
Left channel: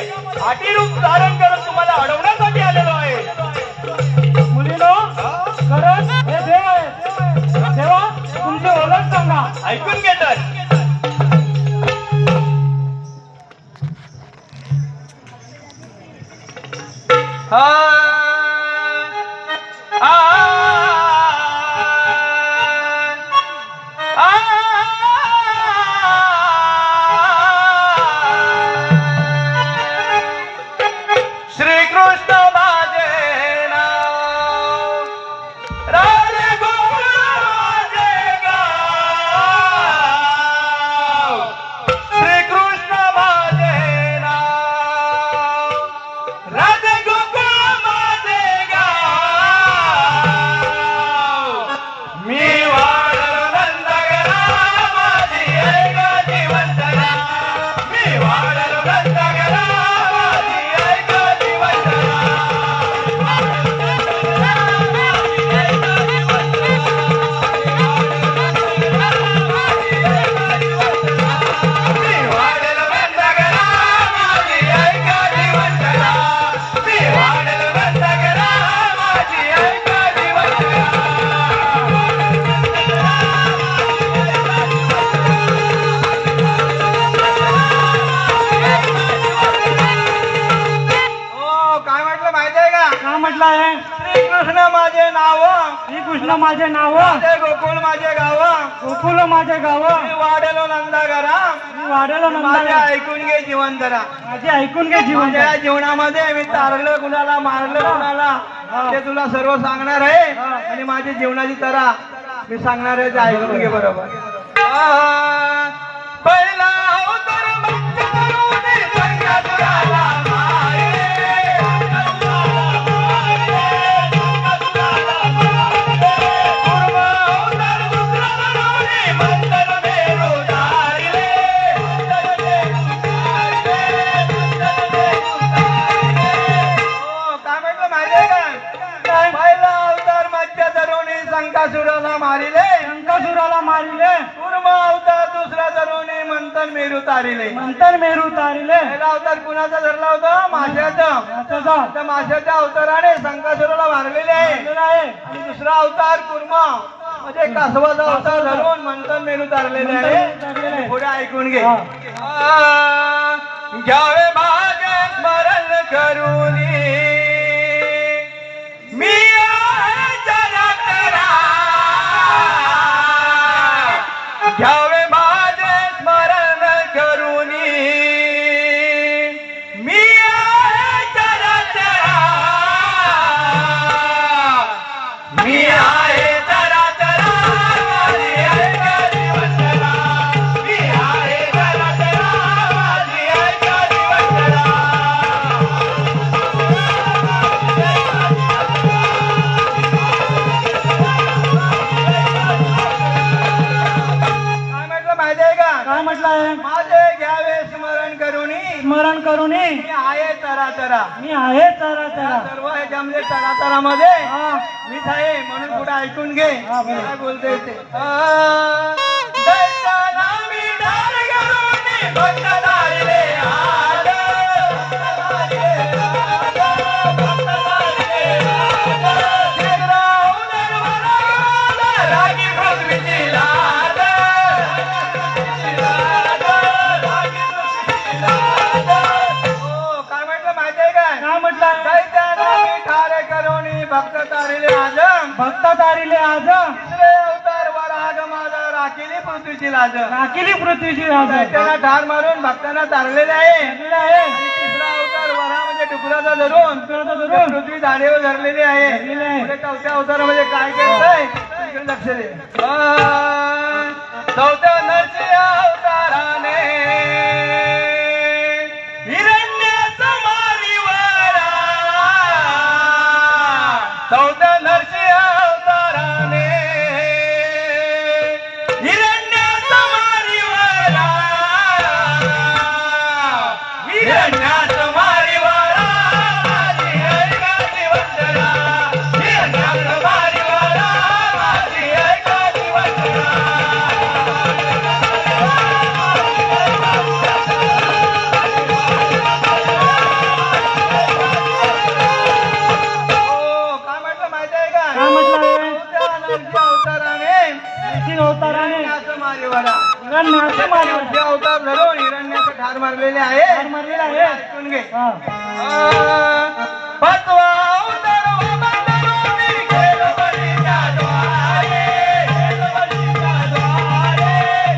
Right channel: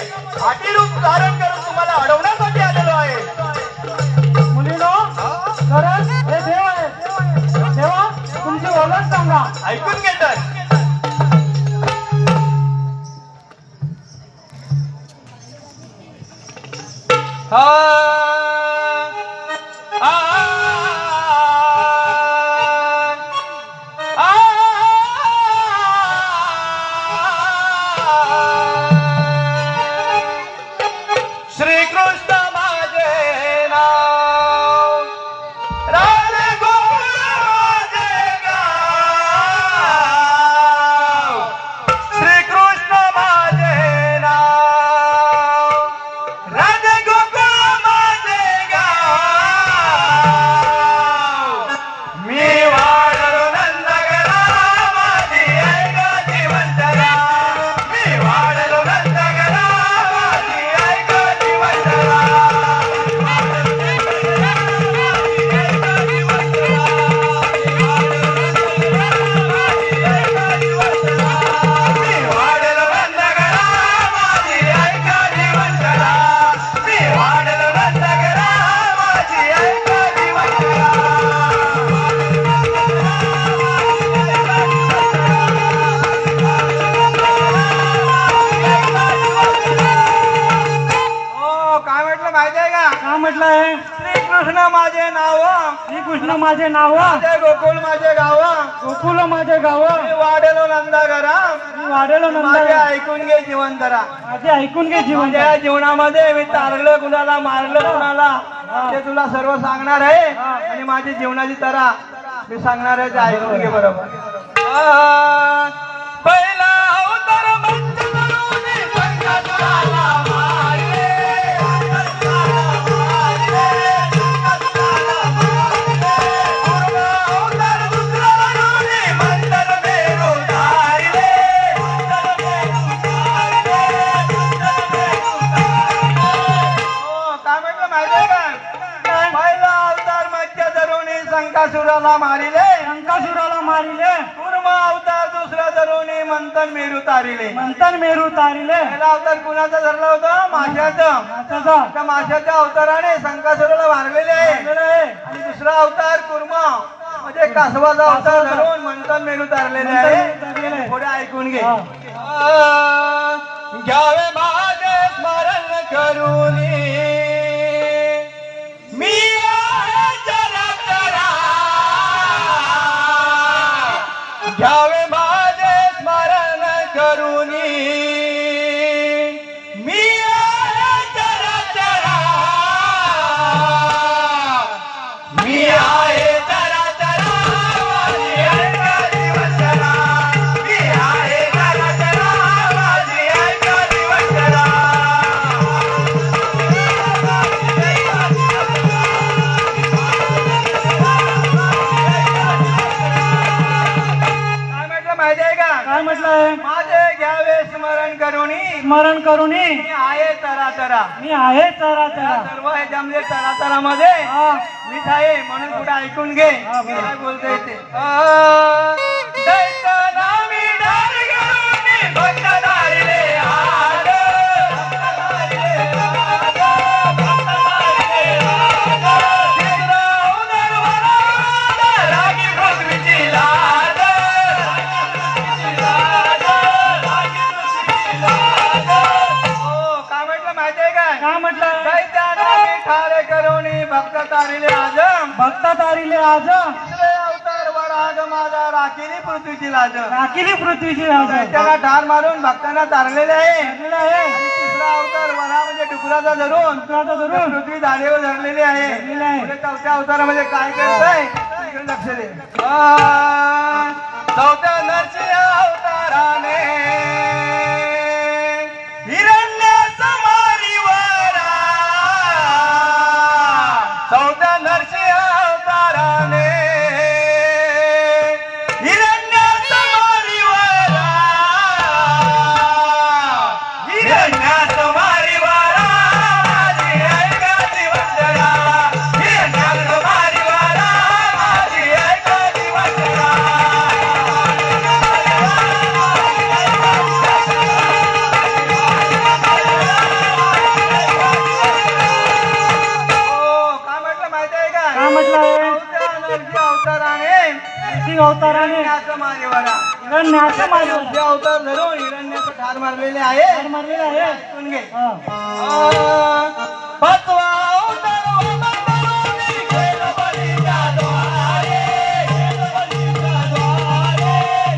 आटी रूप धारण करून तुम्हाला अडवण्यासाठी आलेलो आहे. मुलीनो खरंच हे देव आहे. देवा तुमची ओळख सांगा. ऐकून घे तर. श्रीकृष्ण माझे नाव राजे गोकुळ माझे गाव. श्रीकृष्ण माझे नाव राजे गोकुळ माझे गाव. मी वाढलो नंदगरामाची ऐका जिवंतरा. मी वाढलो नंदगरामाची ऐका जिवंतरा. मी वाढलो नंदगरामाची ऐका जिवंतरा. मी वाढलो नंदगरामाची ऐका जिवंतरा. हो काय म्हटलं माहिती आहे का? काय म्हटलं आहे? श्रीकृष्ण माझे नाव श्रीकृष्ण माझे नाव. राजे गोकुळ माझे गाव. गोकुल माझे गाव. मी वाढलो नंदागरा. मी वाढेलो माझे नंदा. ऐकून घे जीवनधरा. माझे ऐकून घे जीवन. माझ्या जीवनामध्ये मी तारलं कुणाला मारलं कुणाला ते तुला सर्व सांगणार आहे. आणि माझी जीवनाची तरा मी सांगणार आहे ते ऐकून घे बरोबर. पहिला अवतार मंच करून संकटाला मारे. पूर्व अवतार दुसरा करून मंथन मेरू धारिले. काय म्हटलं माहिती आहे का? पहिला अवतार मत्स्य तरुणी संकासुराला मारिले. शंकासुराला मारिले. पूर्व अवतार दुसरा तरुणी मंथन मेरू तारिले. मंथन मेरू तारिले. पहिला अवतार कुणाचा धरला होता? माशाचा. त्याचा त्या माशाच्या अवताराने संकासुराला मारलेले आहे. आहे. आणि दुसरा अवतार कुर्मा म्हणजे कासवाचा अवतार धरून मंथन मेरू तारलेले आहे. पुढे ऐकून घे. घ्यावे मागे स्मरण करून मी आहे जगतरा. घ्यावे माझे स्मरण करून मी आहे जगतरा. मी आहे जगतरा. माझी ऐका जीवनधरा. मी आहे जगतरा. माझी ऐका जीवनधरा. काय म्हटलं काय म्हटलंय? माझे घ्यावे स्मरण करुणी स्मरण करूनी मी आहे तरा तरा. मी आहे चरा चरा. सर्व ह्याच्यामध्ये तरातरामध्ये हा मीच आहे म्हणून पुढे ऐकून घे हा, बरोबर. काय बोलतोय ते. दैत्याला मी ढाल घालून भक्त धारिले आलो. शिरगाव दरबारात रागी पृथ्वीची लाज. हो, काय म्हटलं माहितीये काय? काय म्हटलंय? दैत्याला मी ठारे करुणी भक्त तारिले आज. भक्त तारिले आज तिसरे अवतार वराग माझा राखिली पृथ्वीची लाज. राखिली पृथ्वीची राज. त्याला ठार मारून भक्तांना तारलेले आहे. केलेलं आहे. आणि तिसरा अवतार वरा म्हणजे डुकराचा धरून डुकराचा धरून पृथ्वी झाडेवर धरलेली आहे. धरलेली आहे. पुढे चौथ्या अवतारामध्ये काय करतंय इकडे लक्ष दे. चौथ्या नरसिंह अवताराने हिरण्य समारीवरा. चौथ्या नरसिंह अवताराने हिरण्य समारीवरा. हिरण्य समारीवरा माझी ऐकाची वंदना. हिरण्य समारीवरा माझी ऐकाची वंदना. हो, काय म्हटलं माहिती आहे का? काय म्हटलंय? चौथ्या नरसिंह अवताराने नरसिंह अवताराने हिरण्याचं मारेवाडा. हिरण्याचं मारलं. नरसिंह अवतार धरून हिरण्याचं ठार मारलेले आहे. ठार मारलेलं आहे. ऐकून घे. हा. पाचवा अवतार वामनरूपी गेलो बळीच्या द्वारे. गेलो बळीच्या द्वारे.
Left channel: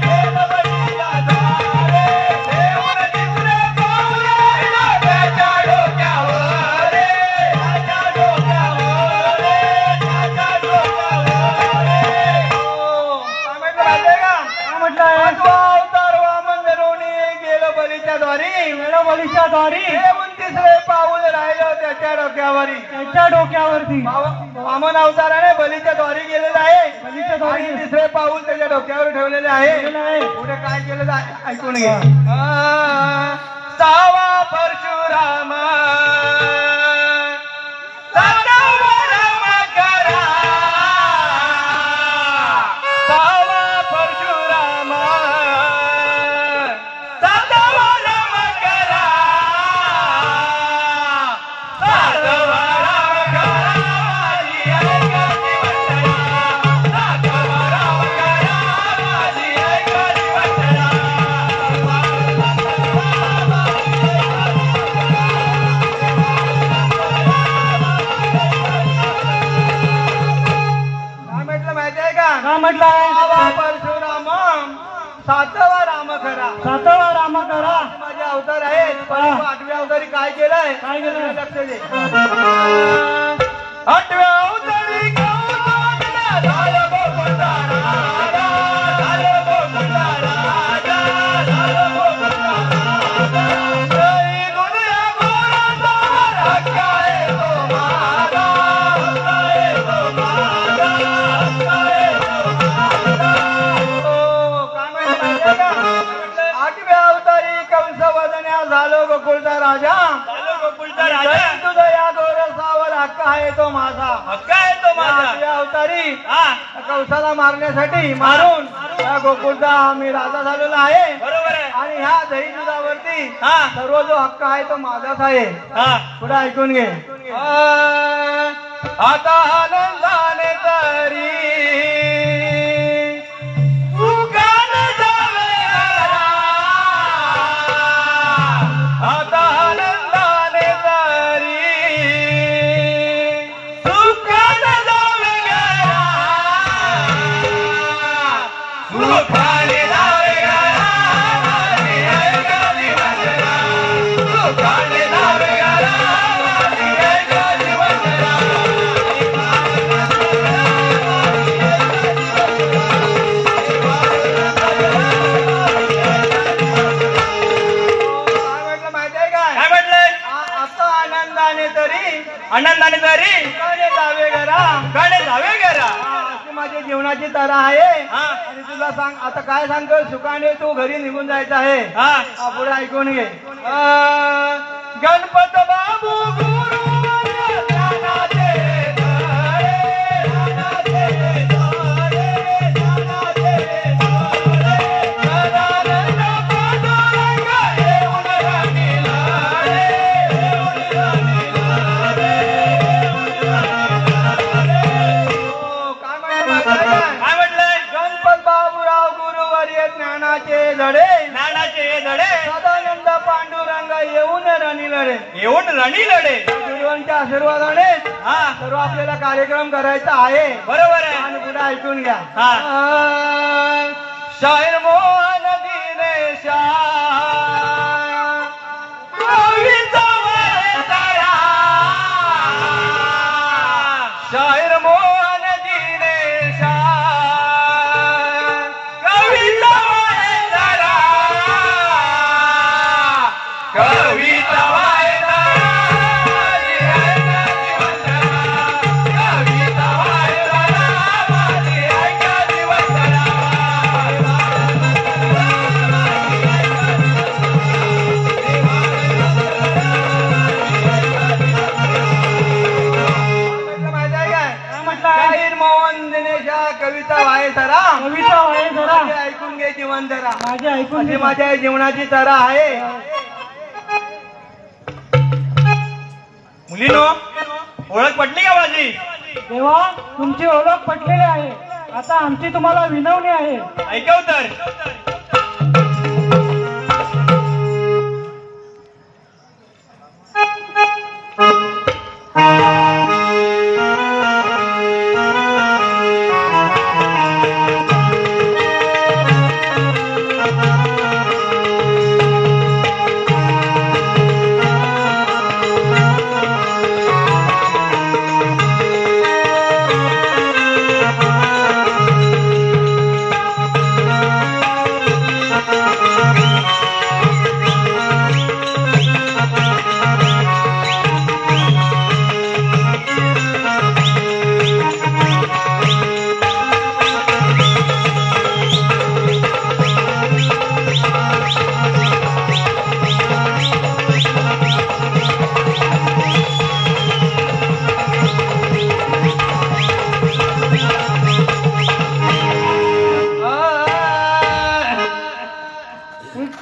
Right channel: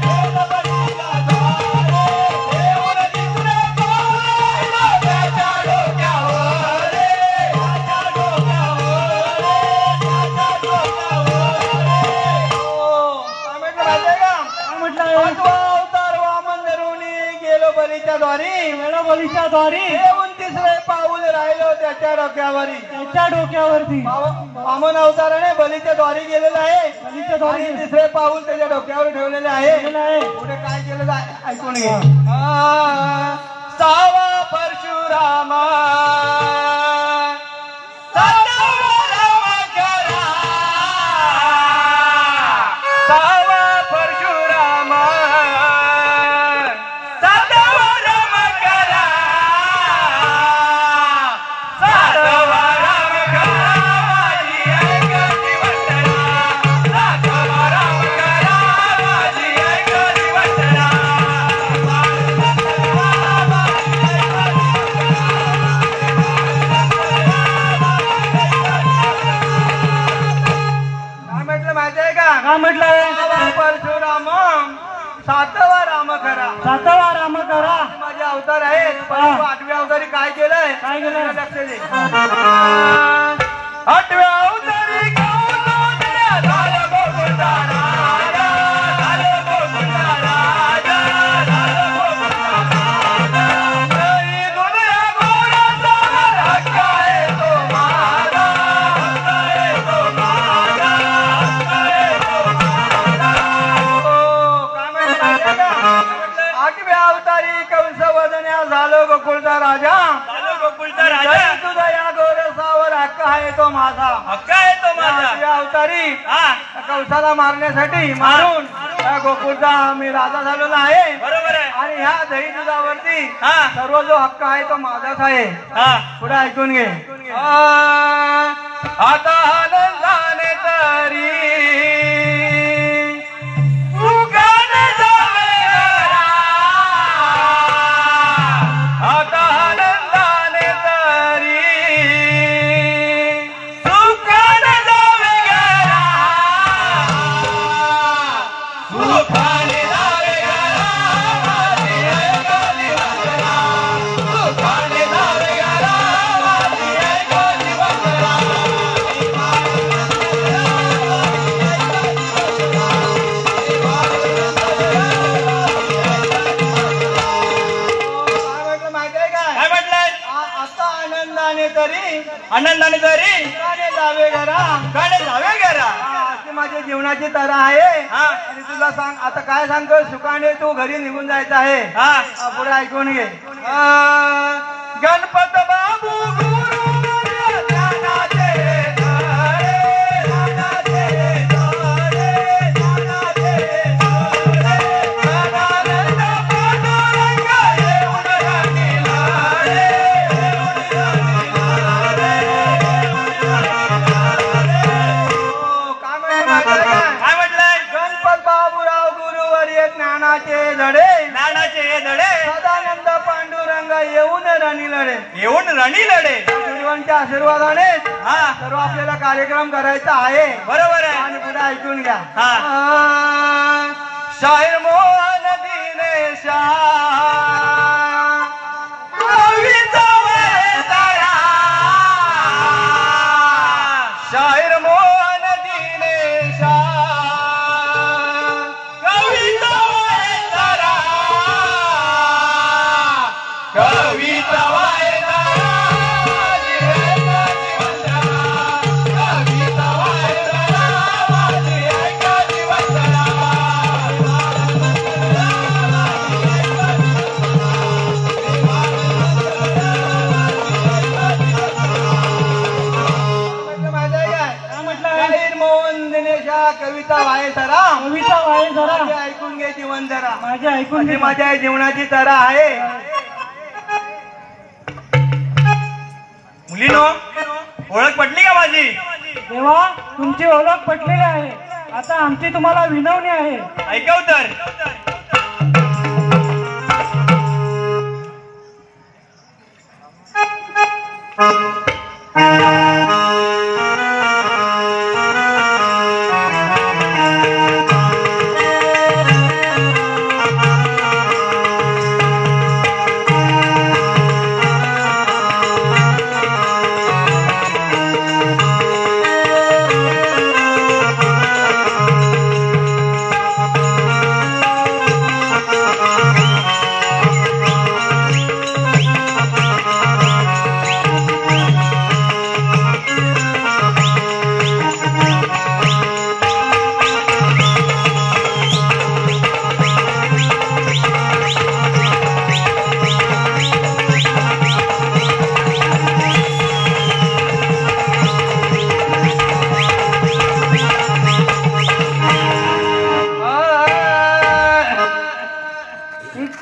गेलो बळीच्या द्वारे. देऊन तिसरे पाऊल राहिलं त्याच्या डोक्यावर रे. त्याच्या डोक्यावर रे. त्याच्या डोक्यावर रे. हो, काय म्हटलं माहितीये का? काय म्हटलंय? पाचवा अवतार वामन धरून गेलो बळीच्या द्वारी. वेळोबळीच्या द्वारी देऊन तिसरे पाऊल राहिलं त्याच्या डोक्यावरी. त्याच्या डोक्यावरती वामन अवताराने बलीच्या द्वारी गेलेला आहे. बलीच्या द्वारी आणि तिसरे पाऊल त्याच्या डोक्यावर ठेवलेले आहे. ठेवलेलं आहे. पुढे काय केलं ऐकून घे. सावा परशुराम सातवा राम करा. सावा परशुराम सातवा राम करा. सातवा राम करा माझी ऐकाची वंदना. सातवा राम करा माझी ऐकाची वंदना. काय म्हटलं माहितीये का? काय म्हटलंय? सावा परशुराम सातवा राम करा. सातवा राम करा. माझे अवतार आहेत. परंतु आठव्या अवतारी काय केलंय? काय केलंय? लक्ष दे. आठव्या अवतारी गौतमाला झालं गोकुळचा राजा. झालं गोकुळचा राजा. झालं गोकुळचा राजा. जय गोविंदा गोरक्षावर हक्क आहे तो माझा. हक्क आहे तो माझा. हक्क आहे तो माझा. हो, काय म्हटलं का? आठव्या अवतारी कंस वदन्या झालो गोकुळचा राजा. जय तुझा या गोरसावर हक्क आहे तो माझा. हक्क आहे तो माझा. आठव्या अवतारी हा, कंसाला मारण्यासाठी मारून या गोकुळचा मी राजा झालेला आहे. बरोबर आहे. आणि ह्या दही दुधावरती हा, सर्व जो हक्क आहे तो माझाच आहे. हा. पुढे ऐकून घे. आता आनंदाने तरी सुखाने जावे घरा. आता आनंदाने तरी सुखाने जावे घरा. सुखाने जावे घरा माझी ऐकाची वंदना. सुखाने जावे घरा माझी ऐकाची वंदना. काय म्हटलं माहितीये काय? काय म्हटलंय? आता आनंदाने तरी आनंदाने तरी सुखाने जावे घरा. गाणे जावे घरा. अशी माझ्या जीवनाची तरा आहे हा. आणि तुला सांग आता काय सांगतोय सुखाने तू घरी निघून जायचं आहे हा. पुढे ऐकून घे गणपत बाबू गुरु ज्ञानाचे घरे, ज्ञानाचे घरे, ज्ञानाचे घरे. ज्ञानानंद पांडुरंग येऊन राहिला रे, येऊन राहिला रे, येऊन राहिला रे. काय म्हणलं काय म्हटलंय? गणपत बाबूराव गुरुवर्य ज्ञानाचे धडे ज्ञानाचे हे धडे सदानंद पांडुरंग येऊन राणील रे येऊन रणी लढे. गुरुवांच्या आशीर्वादाने हा सर्व आपल्याला कार्यक्रम करायचा आहे बरोबर आहे. आणि पुढे ऐकून घ्या हा. शाहीर मोहन दिनेशा कवीचा वैतारा. शाहीर मोहन दिनेशा कवीचा वैतारा. कवीचा वैतारा. कवीचा वैतारा. माझी ऐका दिवसरा. माहिती आहे काय शाहीर मोहन दिनेशा कविता वाहे सरा कविता आहे जरा माझे ऐकून घे जीवन जरा माझ्या ऐकून अशी घे. माझ्या जीवनाची तरा आहे मुलीनो ओळख पटली का माझी? देवा तुमची ओळख पटलेली आहे. आता आमची तुम्हाला विनवणी आहे. ऐकव तर.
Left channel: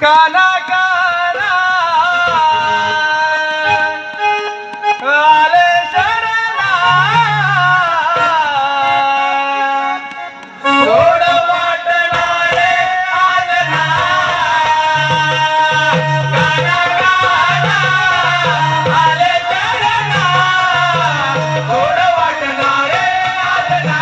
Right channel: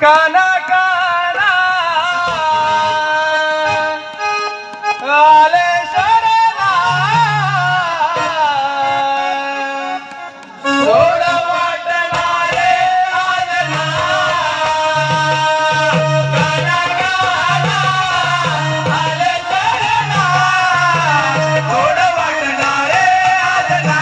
काना काना आले शरणा गोड वाटणारे आनंदा. गाना गाना आले चरणा. गोड वाटणारे आनंदा.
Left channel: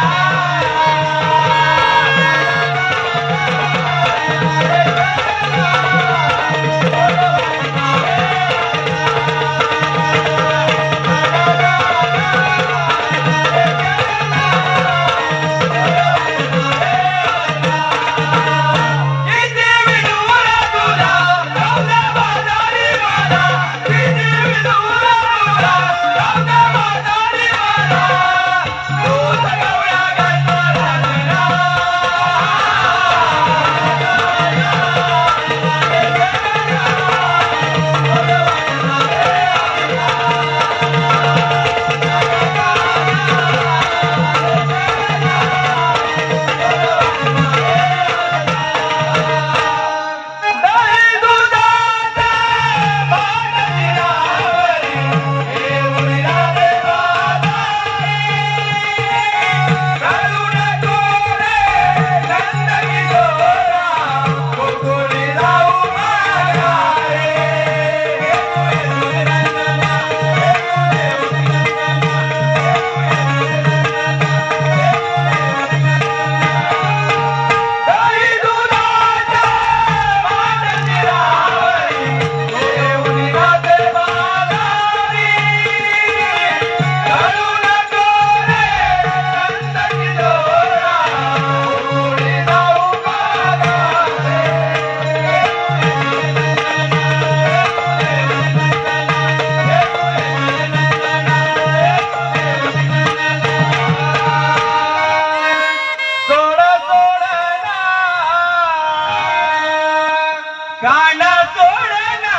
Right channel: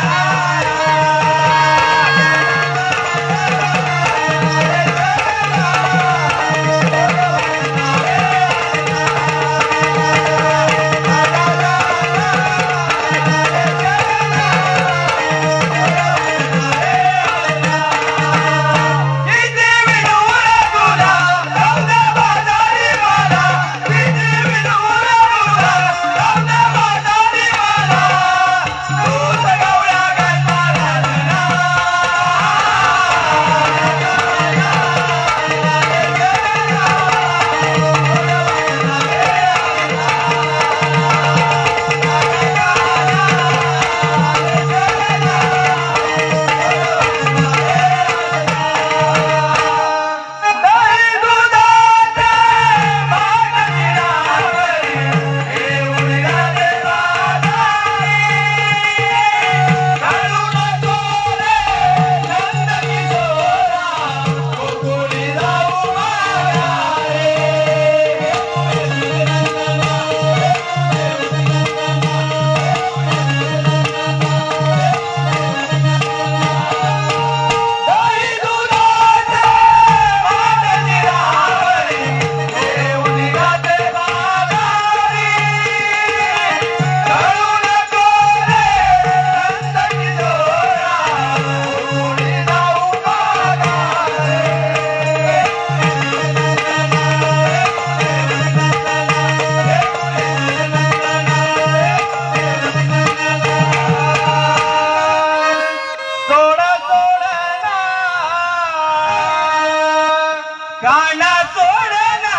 गाणं सोडला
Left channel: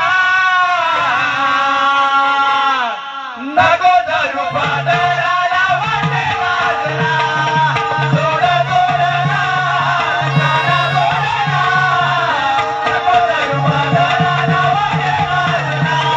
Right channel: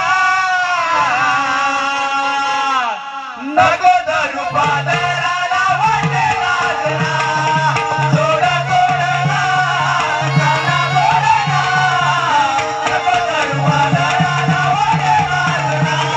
नको धरू पादराला वाटे वाजना सोड सोडला गाणं सोडला नको धरू पादराला वाटे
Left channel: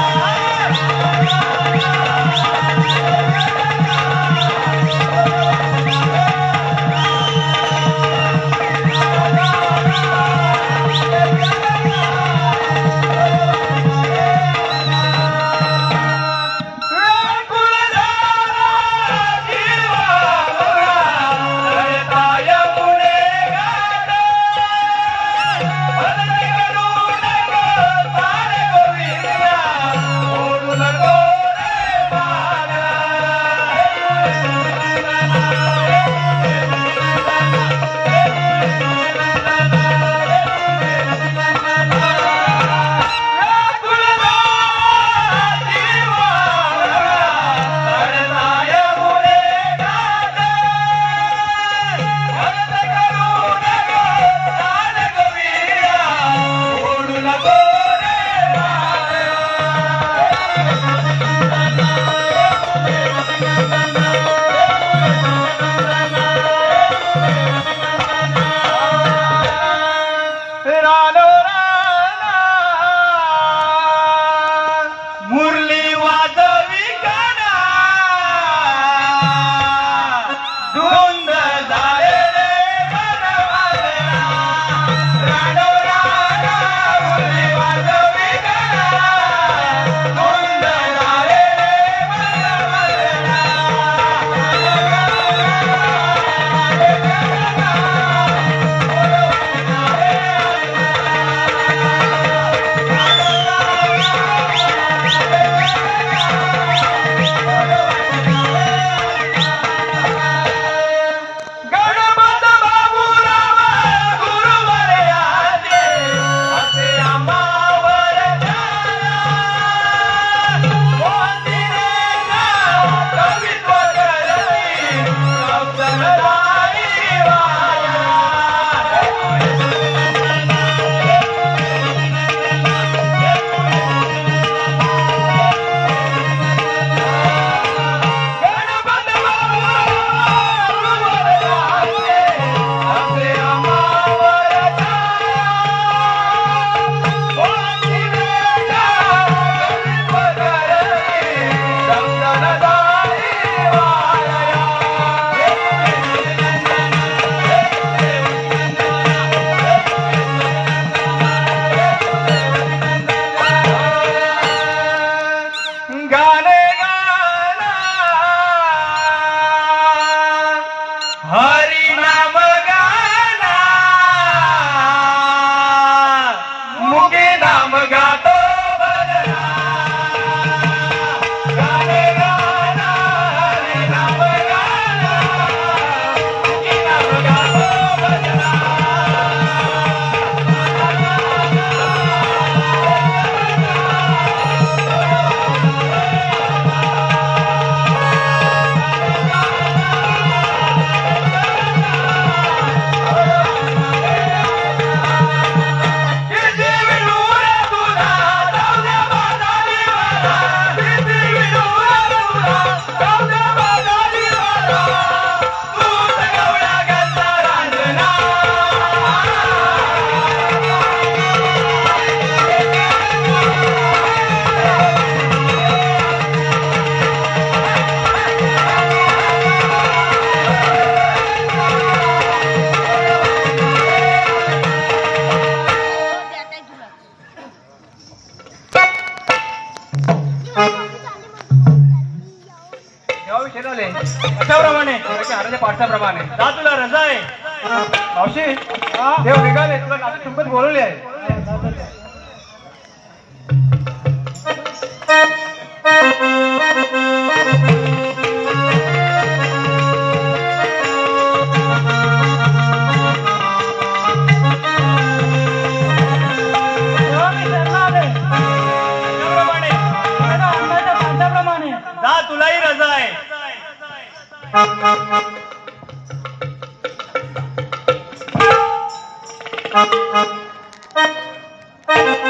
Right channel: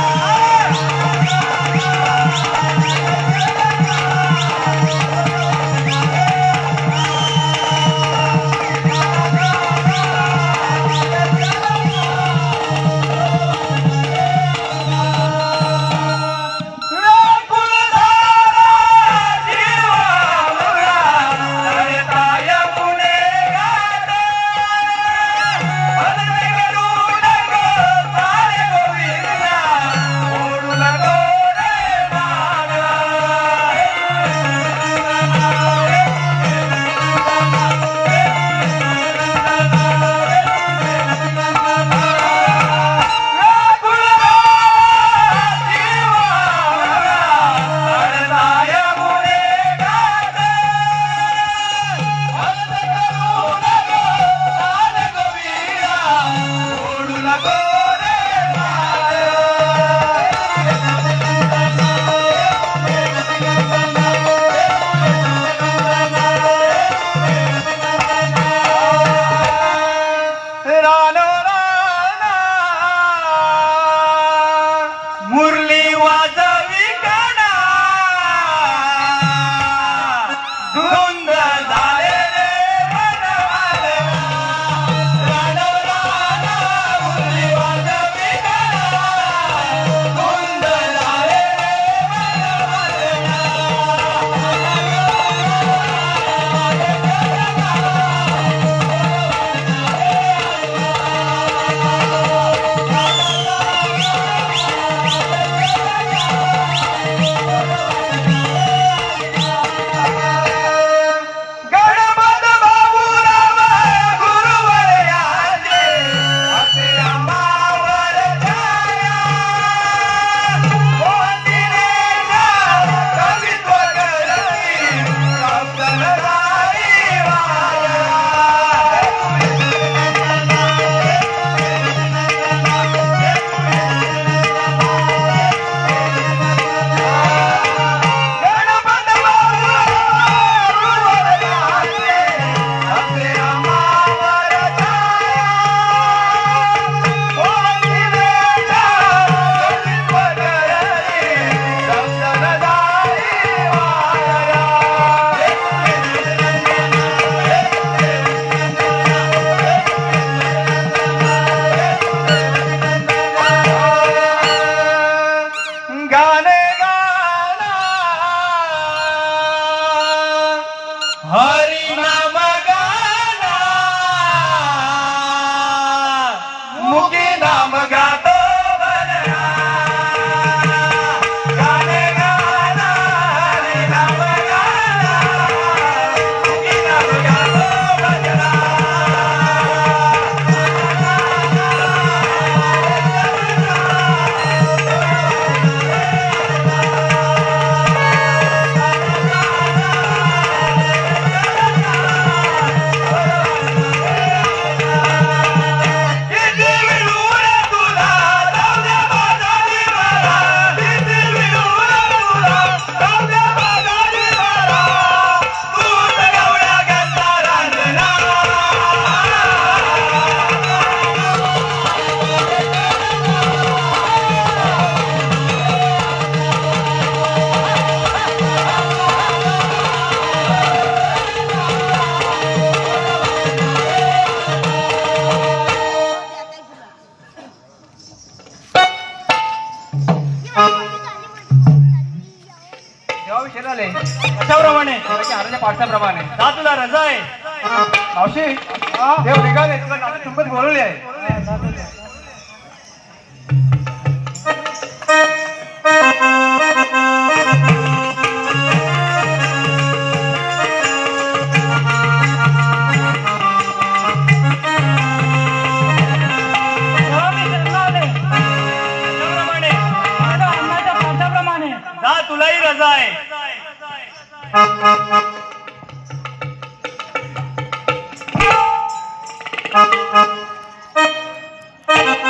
मुरली वाजवी काना धुंद झाले रे मनवाजना रानो राना मुरली वाजवी काना धुंद झाले रे मनवाजना गाणे गाना हरी नाम गाना मुके नाम गातो बलना गाणे गाना हरी नाम गाना मुके नाम गातो बलना कशाप्रमाणे हाराच्या पाठाप्रमाणे जा तुला रजा आहे मावशी देव निघाले तुला नाटक तुमचं बोलवले आहे जा तुलाही रजा आहे Thank you.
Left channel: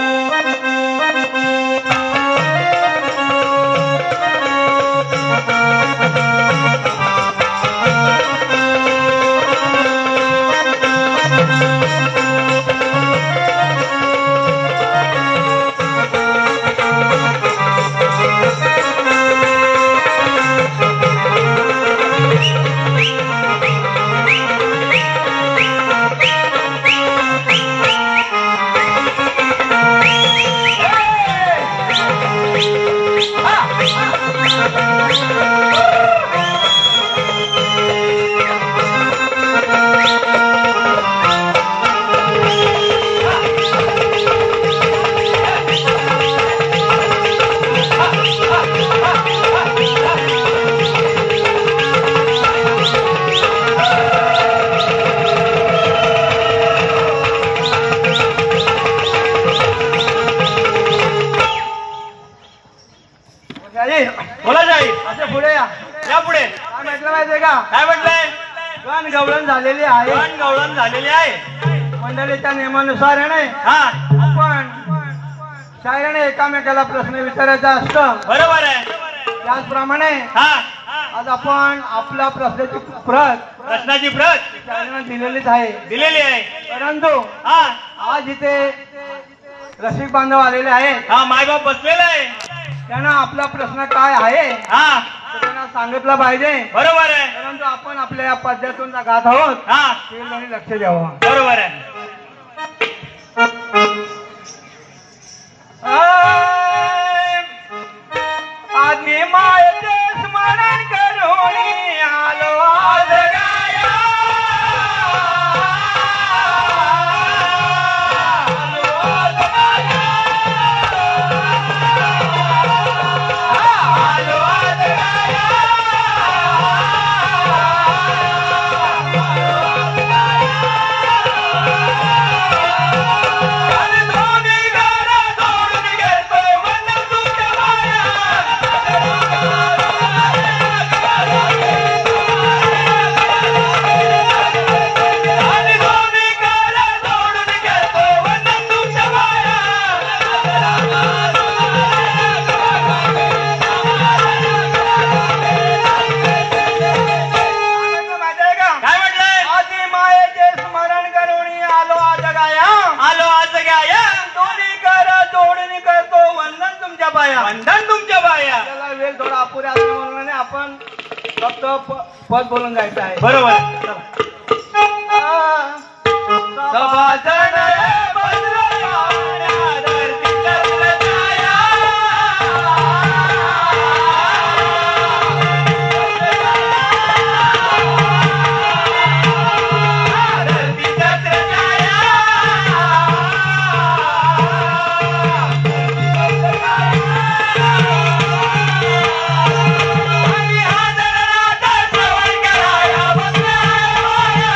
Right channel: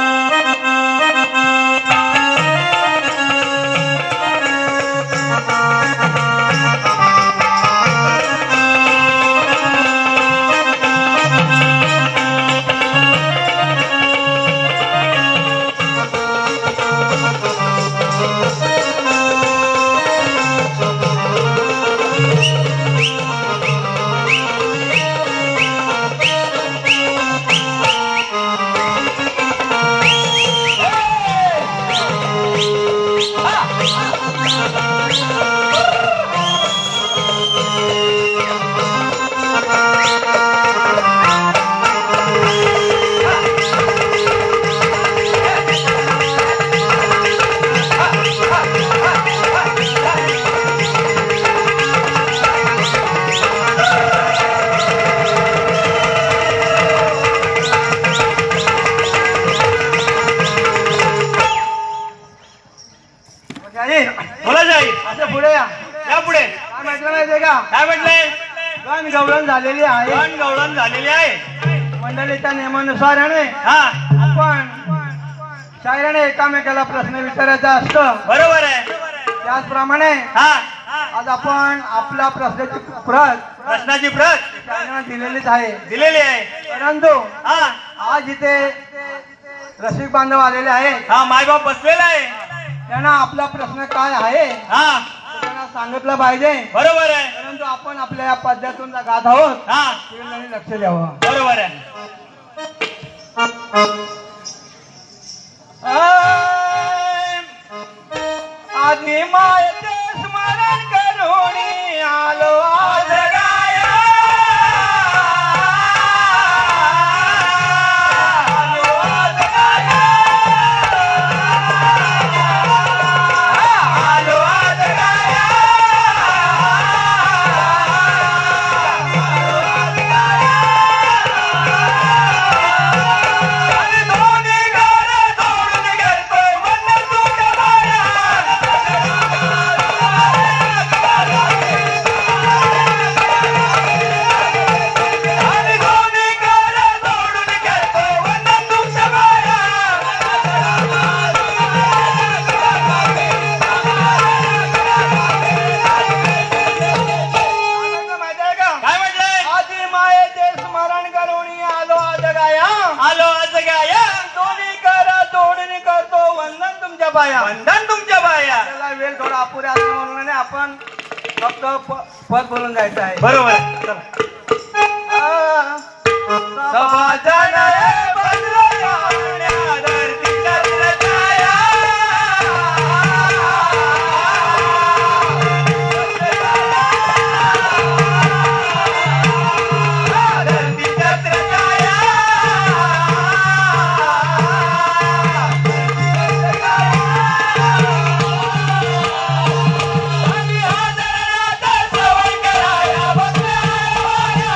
गवळण झालेली आहे. गवळण झालेली आहे. मंडळीच्या नियमानुसाराने हा आपण शायराने एकामेकाला प्रश्न विचारायचा असतं. बरोबर आहे. त्याचप्रमाणे हा आज आपण आपल्या प्रश्नाची प्रत प्रश्नाची प्रत शायराने दिलेलीच आहे. दिलेली आहे. परंतु हा आज इथे रसिक बांधव आलेले आहेत. हा मायबाप बसलेला आहे. त्यांना आपला प्रश्न काय आहे हा ते त्यांना सांगितलं पाहिजे. बरोबर आहे. परंतु आपण आपल्या या पद्धतीतून गात आहोत हा त्यांनी लक्ष द्यावं. बरोबर आहे. आधी मायेचे स्मरण करून आलो आज गाया. आलो आज गाया. आलो आज गाया. आणि दोन्ही घरं सोडून गेलतोय म्हणलं तुझ्या माया. आणि दोन्ही घरं सोडून गेलतोय म्हणलं तुझ्या माया. माझ्या का काय म्हटलंय? आधी मायेचे स्मरण करून आलो आज गाया. आलो आज गाया. दोन्ही करा जोडणी करतो वंदन तुमच्या पाया. वंदन तुमच्या बाया. त्याला वेळ थोडा अपुरा असं म्हणून नाही, आपण फक्त पद बोलून जायचं आहे. बरोबर आहे. चला. सभाजन हे बजरं पाहण्या धरतीच्या छाया. धरतीच्या छाया. आणि हादरणाचा श्रवण कराया बसल्या माया.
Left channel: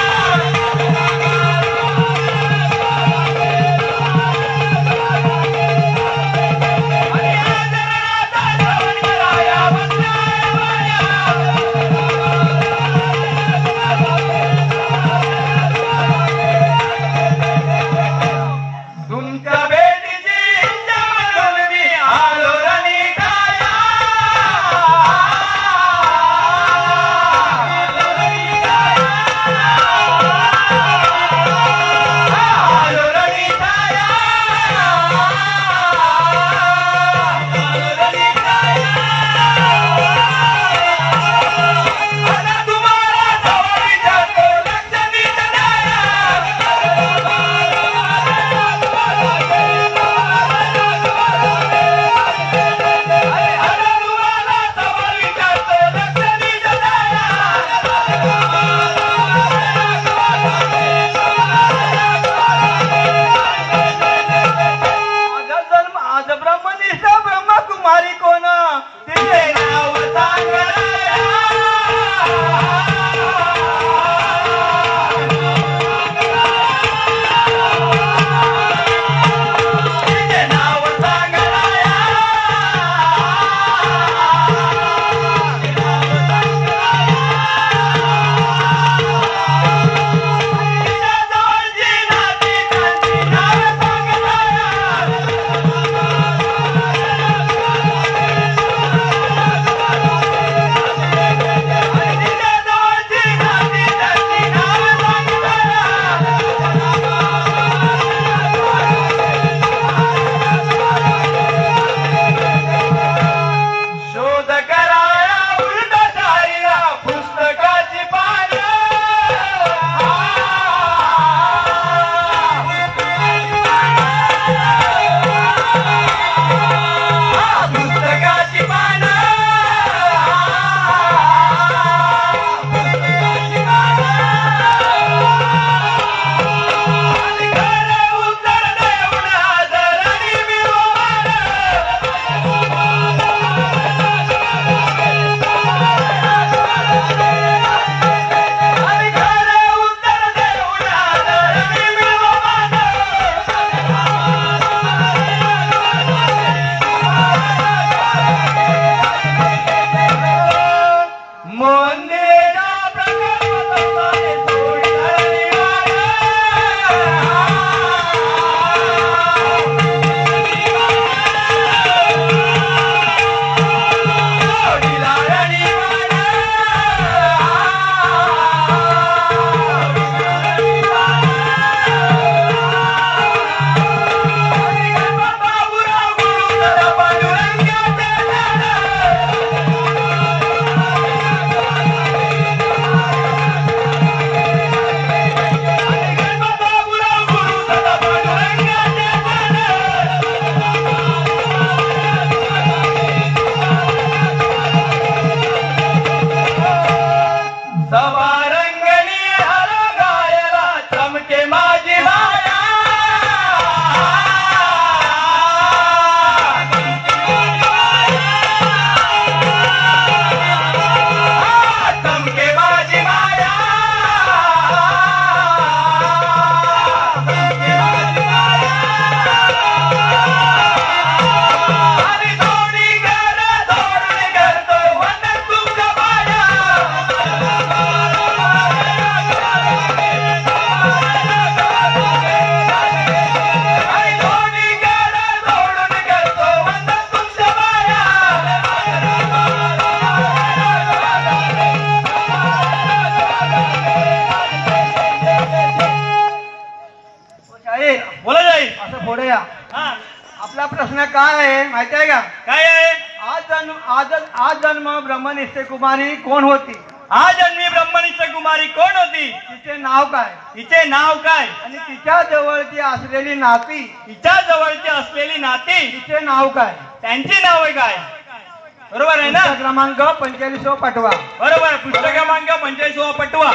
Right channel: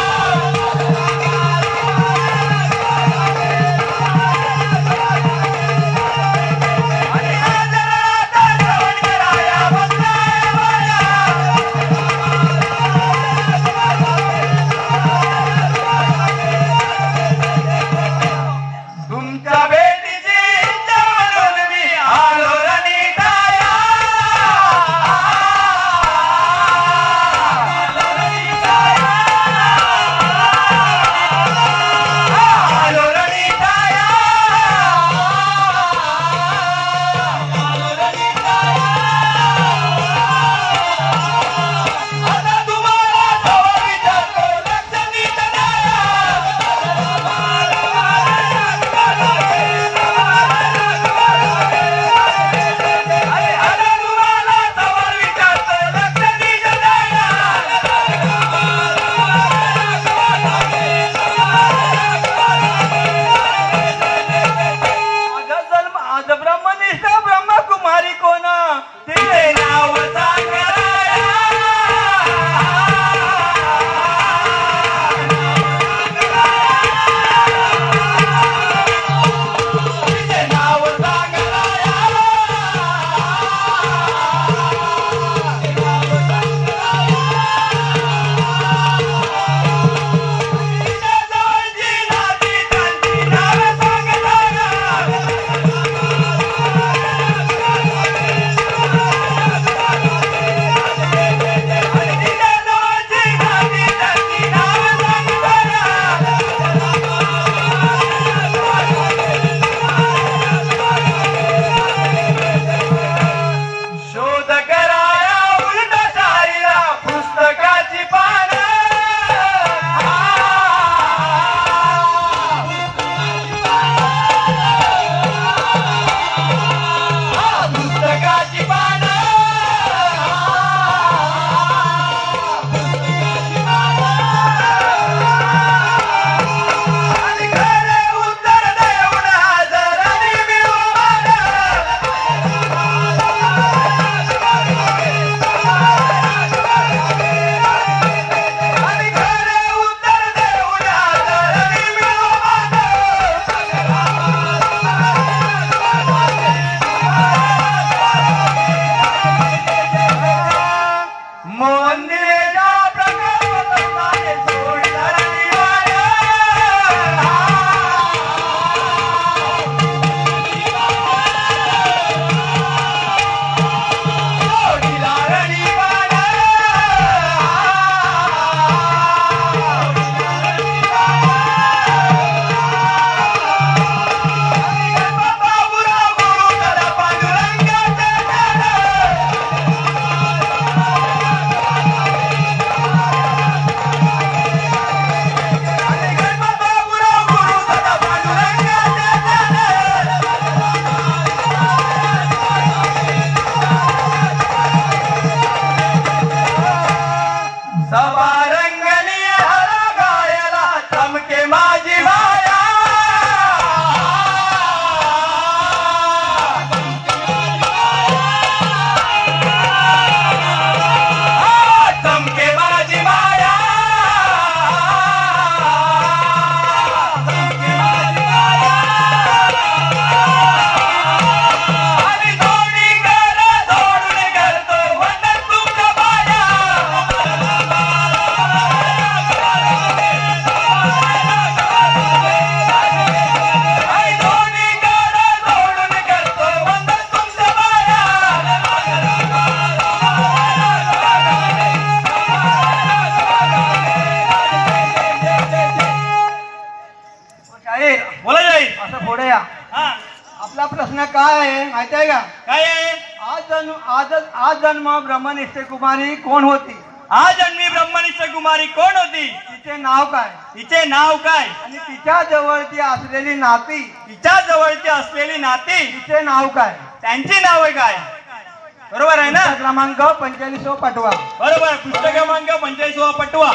शाहीर बोला जाईल. असं पुढे या. हा आपला प्रश्न काय आहे माहिती आहे का? काय आहे? आज जन्म ब्रह्मनिष्ठ कुमारी कोण होती? आज जन्मी ब्रह्मनिष्ठ कुमारी कोण होती? तिचे नाव काय? तिचे नाव काय? आणि तिच्या जवळची असलेली नाती, तिच्या जवळची असलेली नाती, तिचे नाव काय? त्यांची नावे काय? बरोबर आहे ना? पुस्तक क्रमांक 45 पाठवा. बरोबर. पुस्तक क्रमांक 45 पटवा.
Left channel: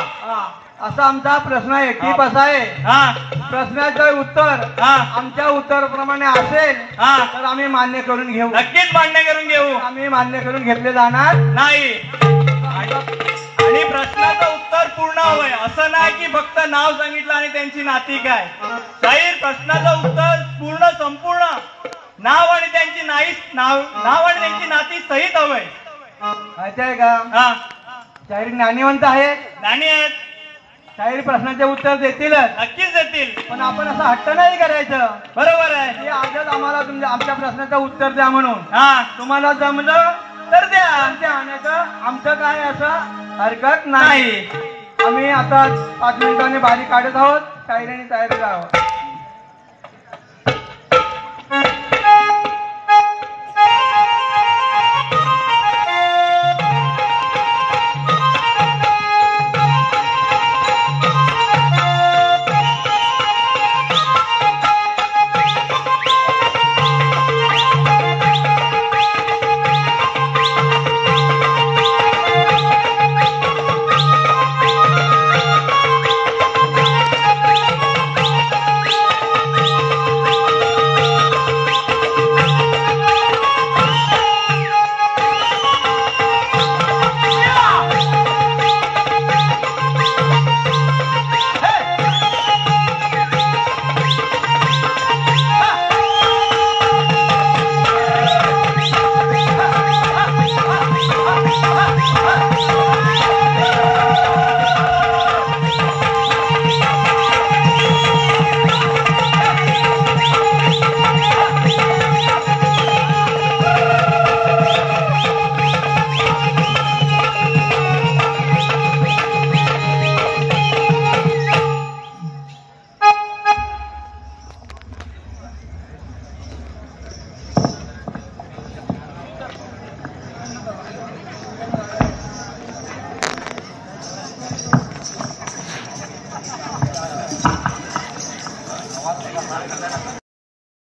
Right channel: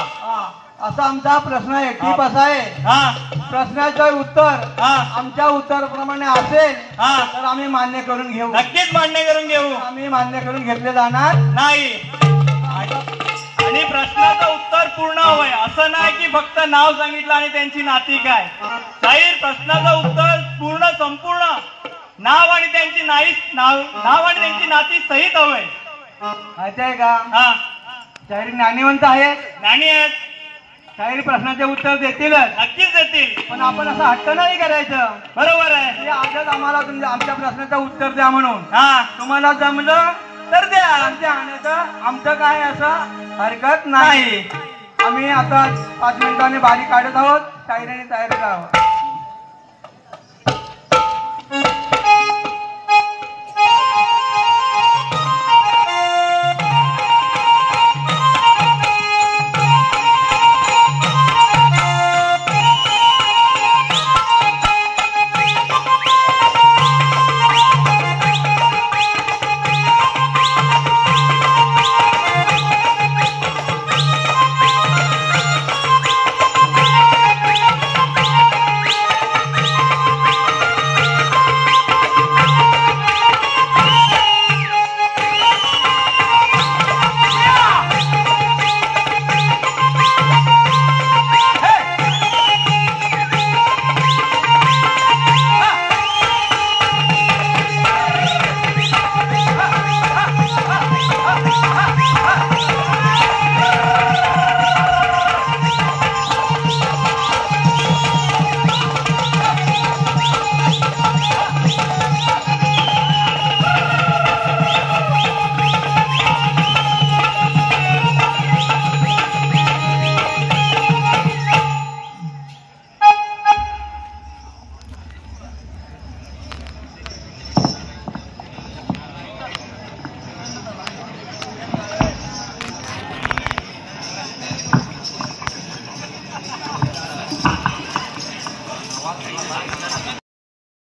असा आमचा प्रश्न आहे. टीप असा आहे, हा प्रश्नाचं उत्तर हा आमच्या उत्तराप्रमाणे असेल हा तर आम्ही मान्य करून घेऊ. नक्कीच मान्य करून घेऊ. आम्ही मान्य करून घेतले जाणार नाही. आणि प्रश्नाचं उत्तर पूर्ण हवंय. असं नाही की फक्त नाव सांगितलं आणि त्यांची नाती काय. शाहीर प्रश्नाचं उत्तर पूर्ण संपूर्ण नाव आणि त्यांची नाव आणि त्यांची नाती सहित हवंय. माहिती आहे का? हा शाहीर ज्ञानीवंत आहेत. नाणी आहेत. शाहीर प्रश्नाचे उत्तर देतीलच, नक्कीच देतील. पण आपण असं हट्ट नाही करायचं बरोबर आहे. की आजच आम्हाला आमच्या प्रश्नाचं उत्तर द्या म्हणून. हा तुम्हाला जमलं तर द्या. नाही तर आमचं काय असं हरकत नाही. आम्ही आता 5 मिनिटांनी बारी काढत आहोत. शाहिरीने तयारी करावं.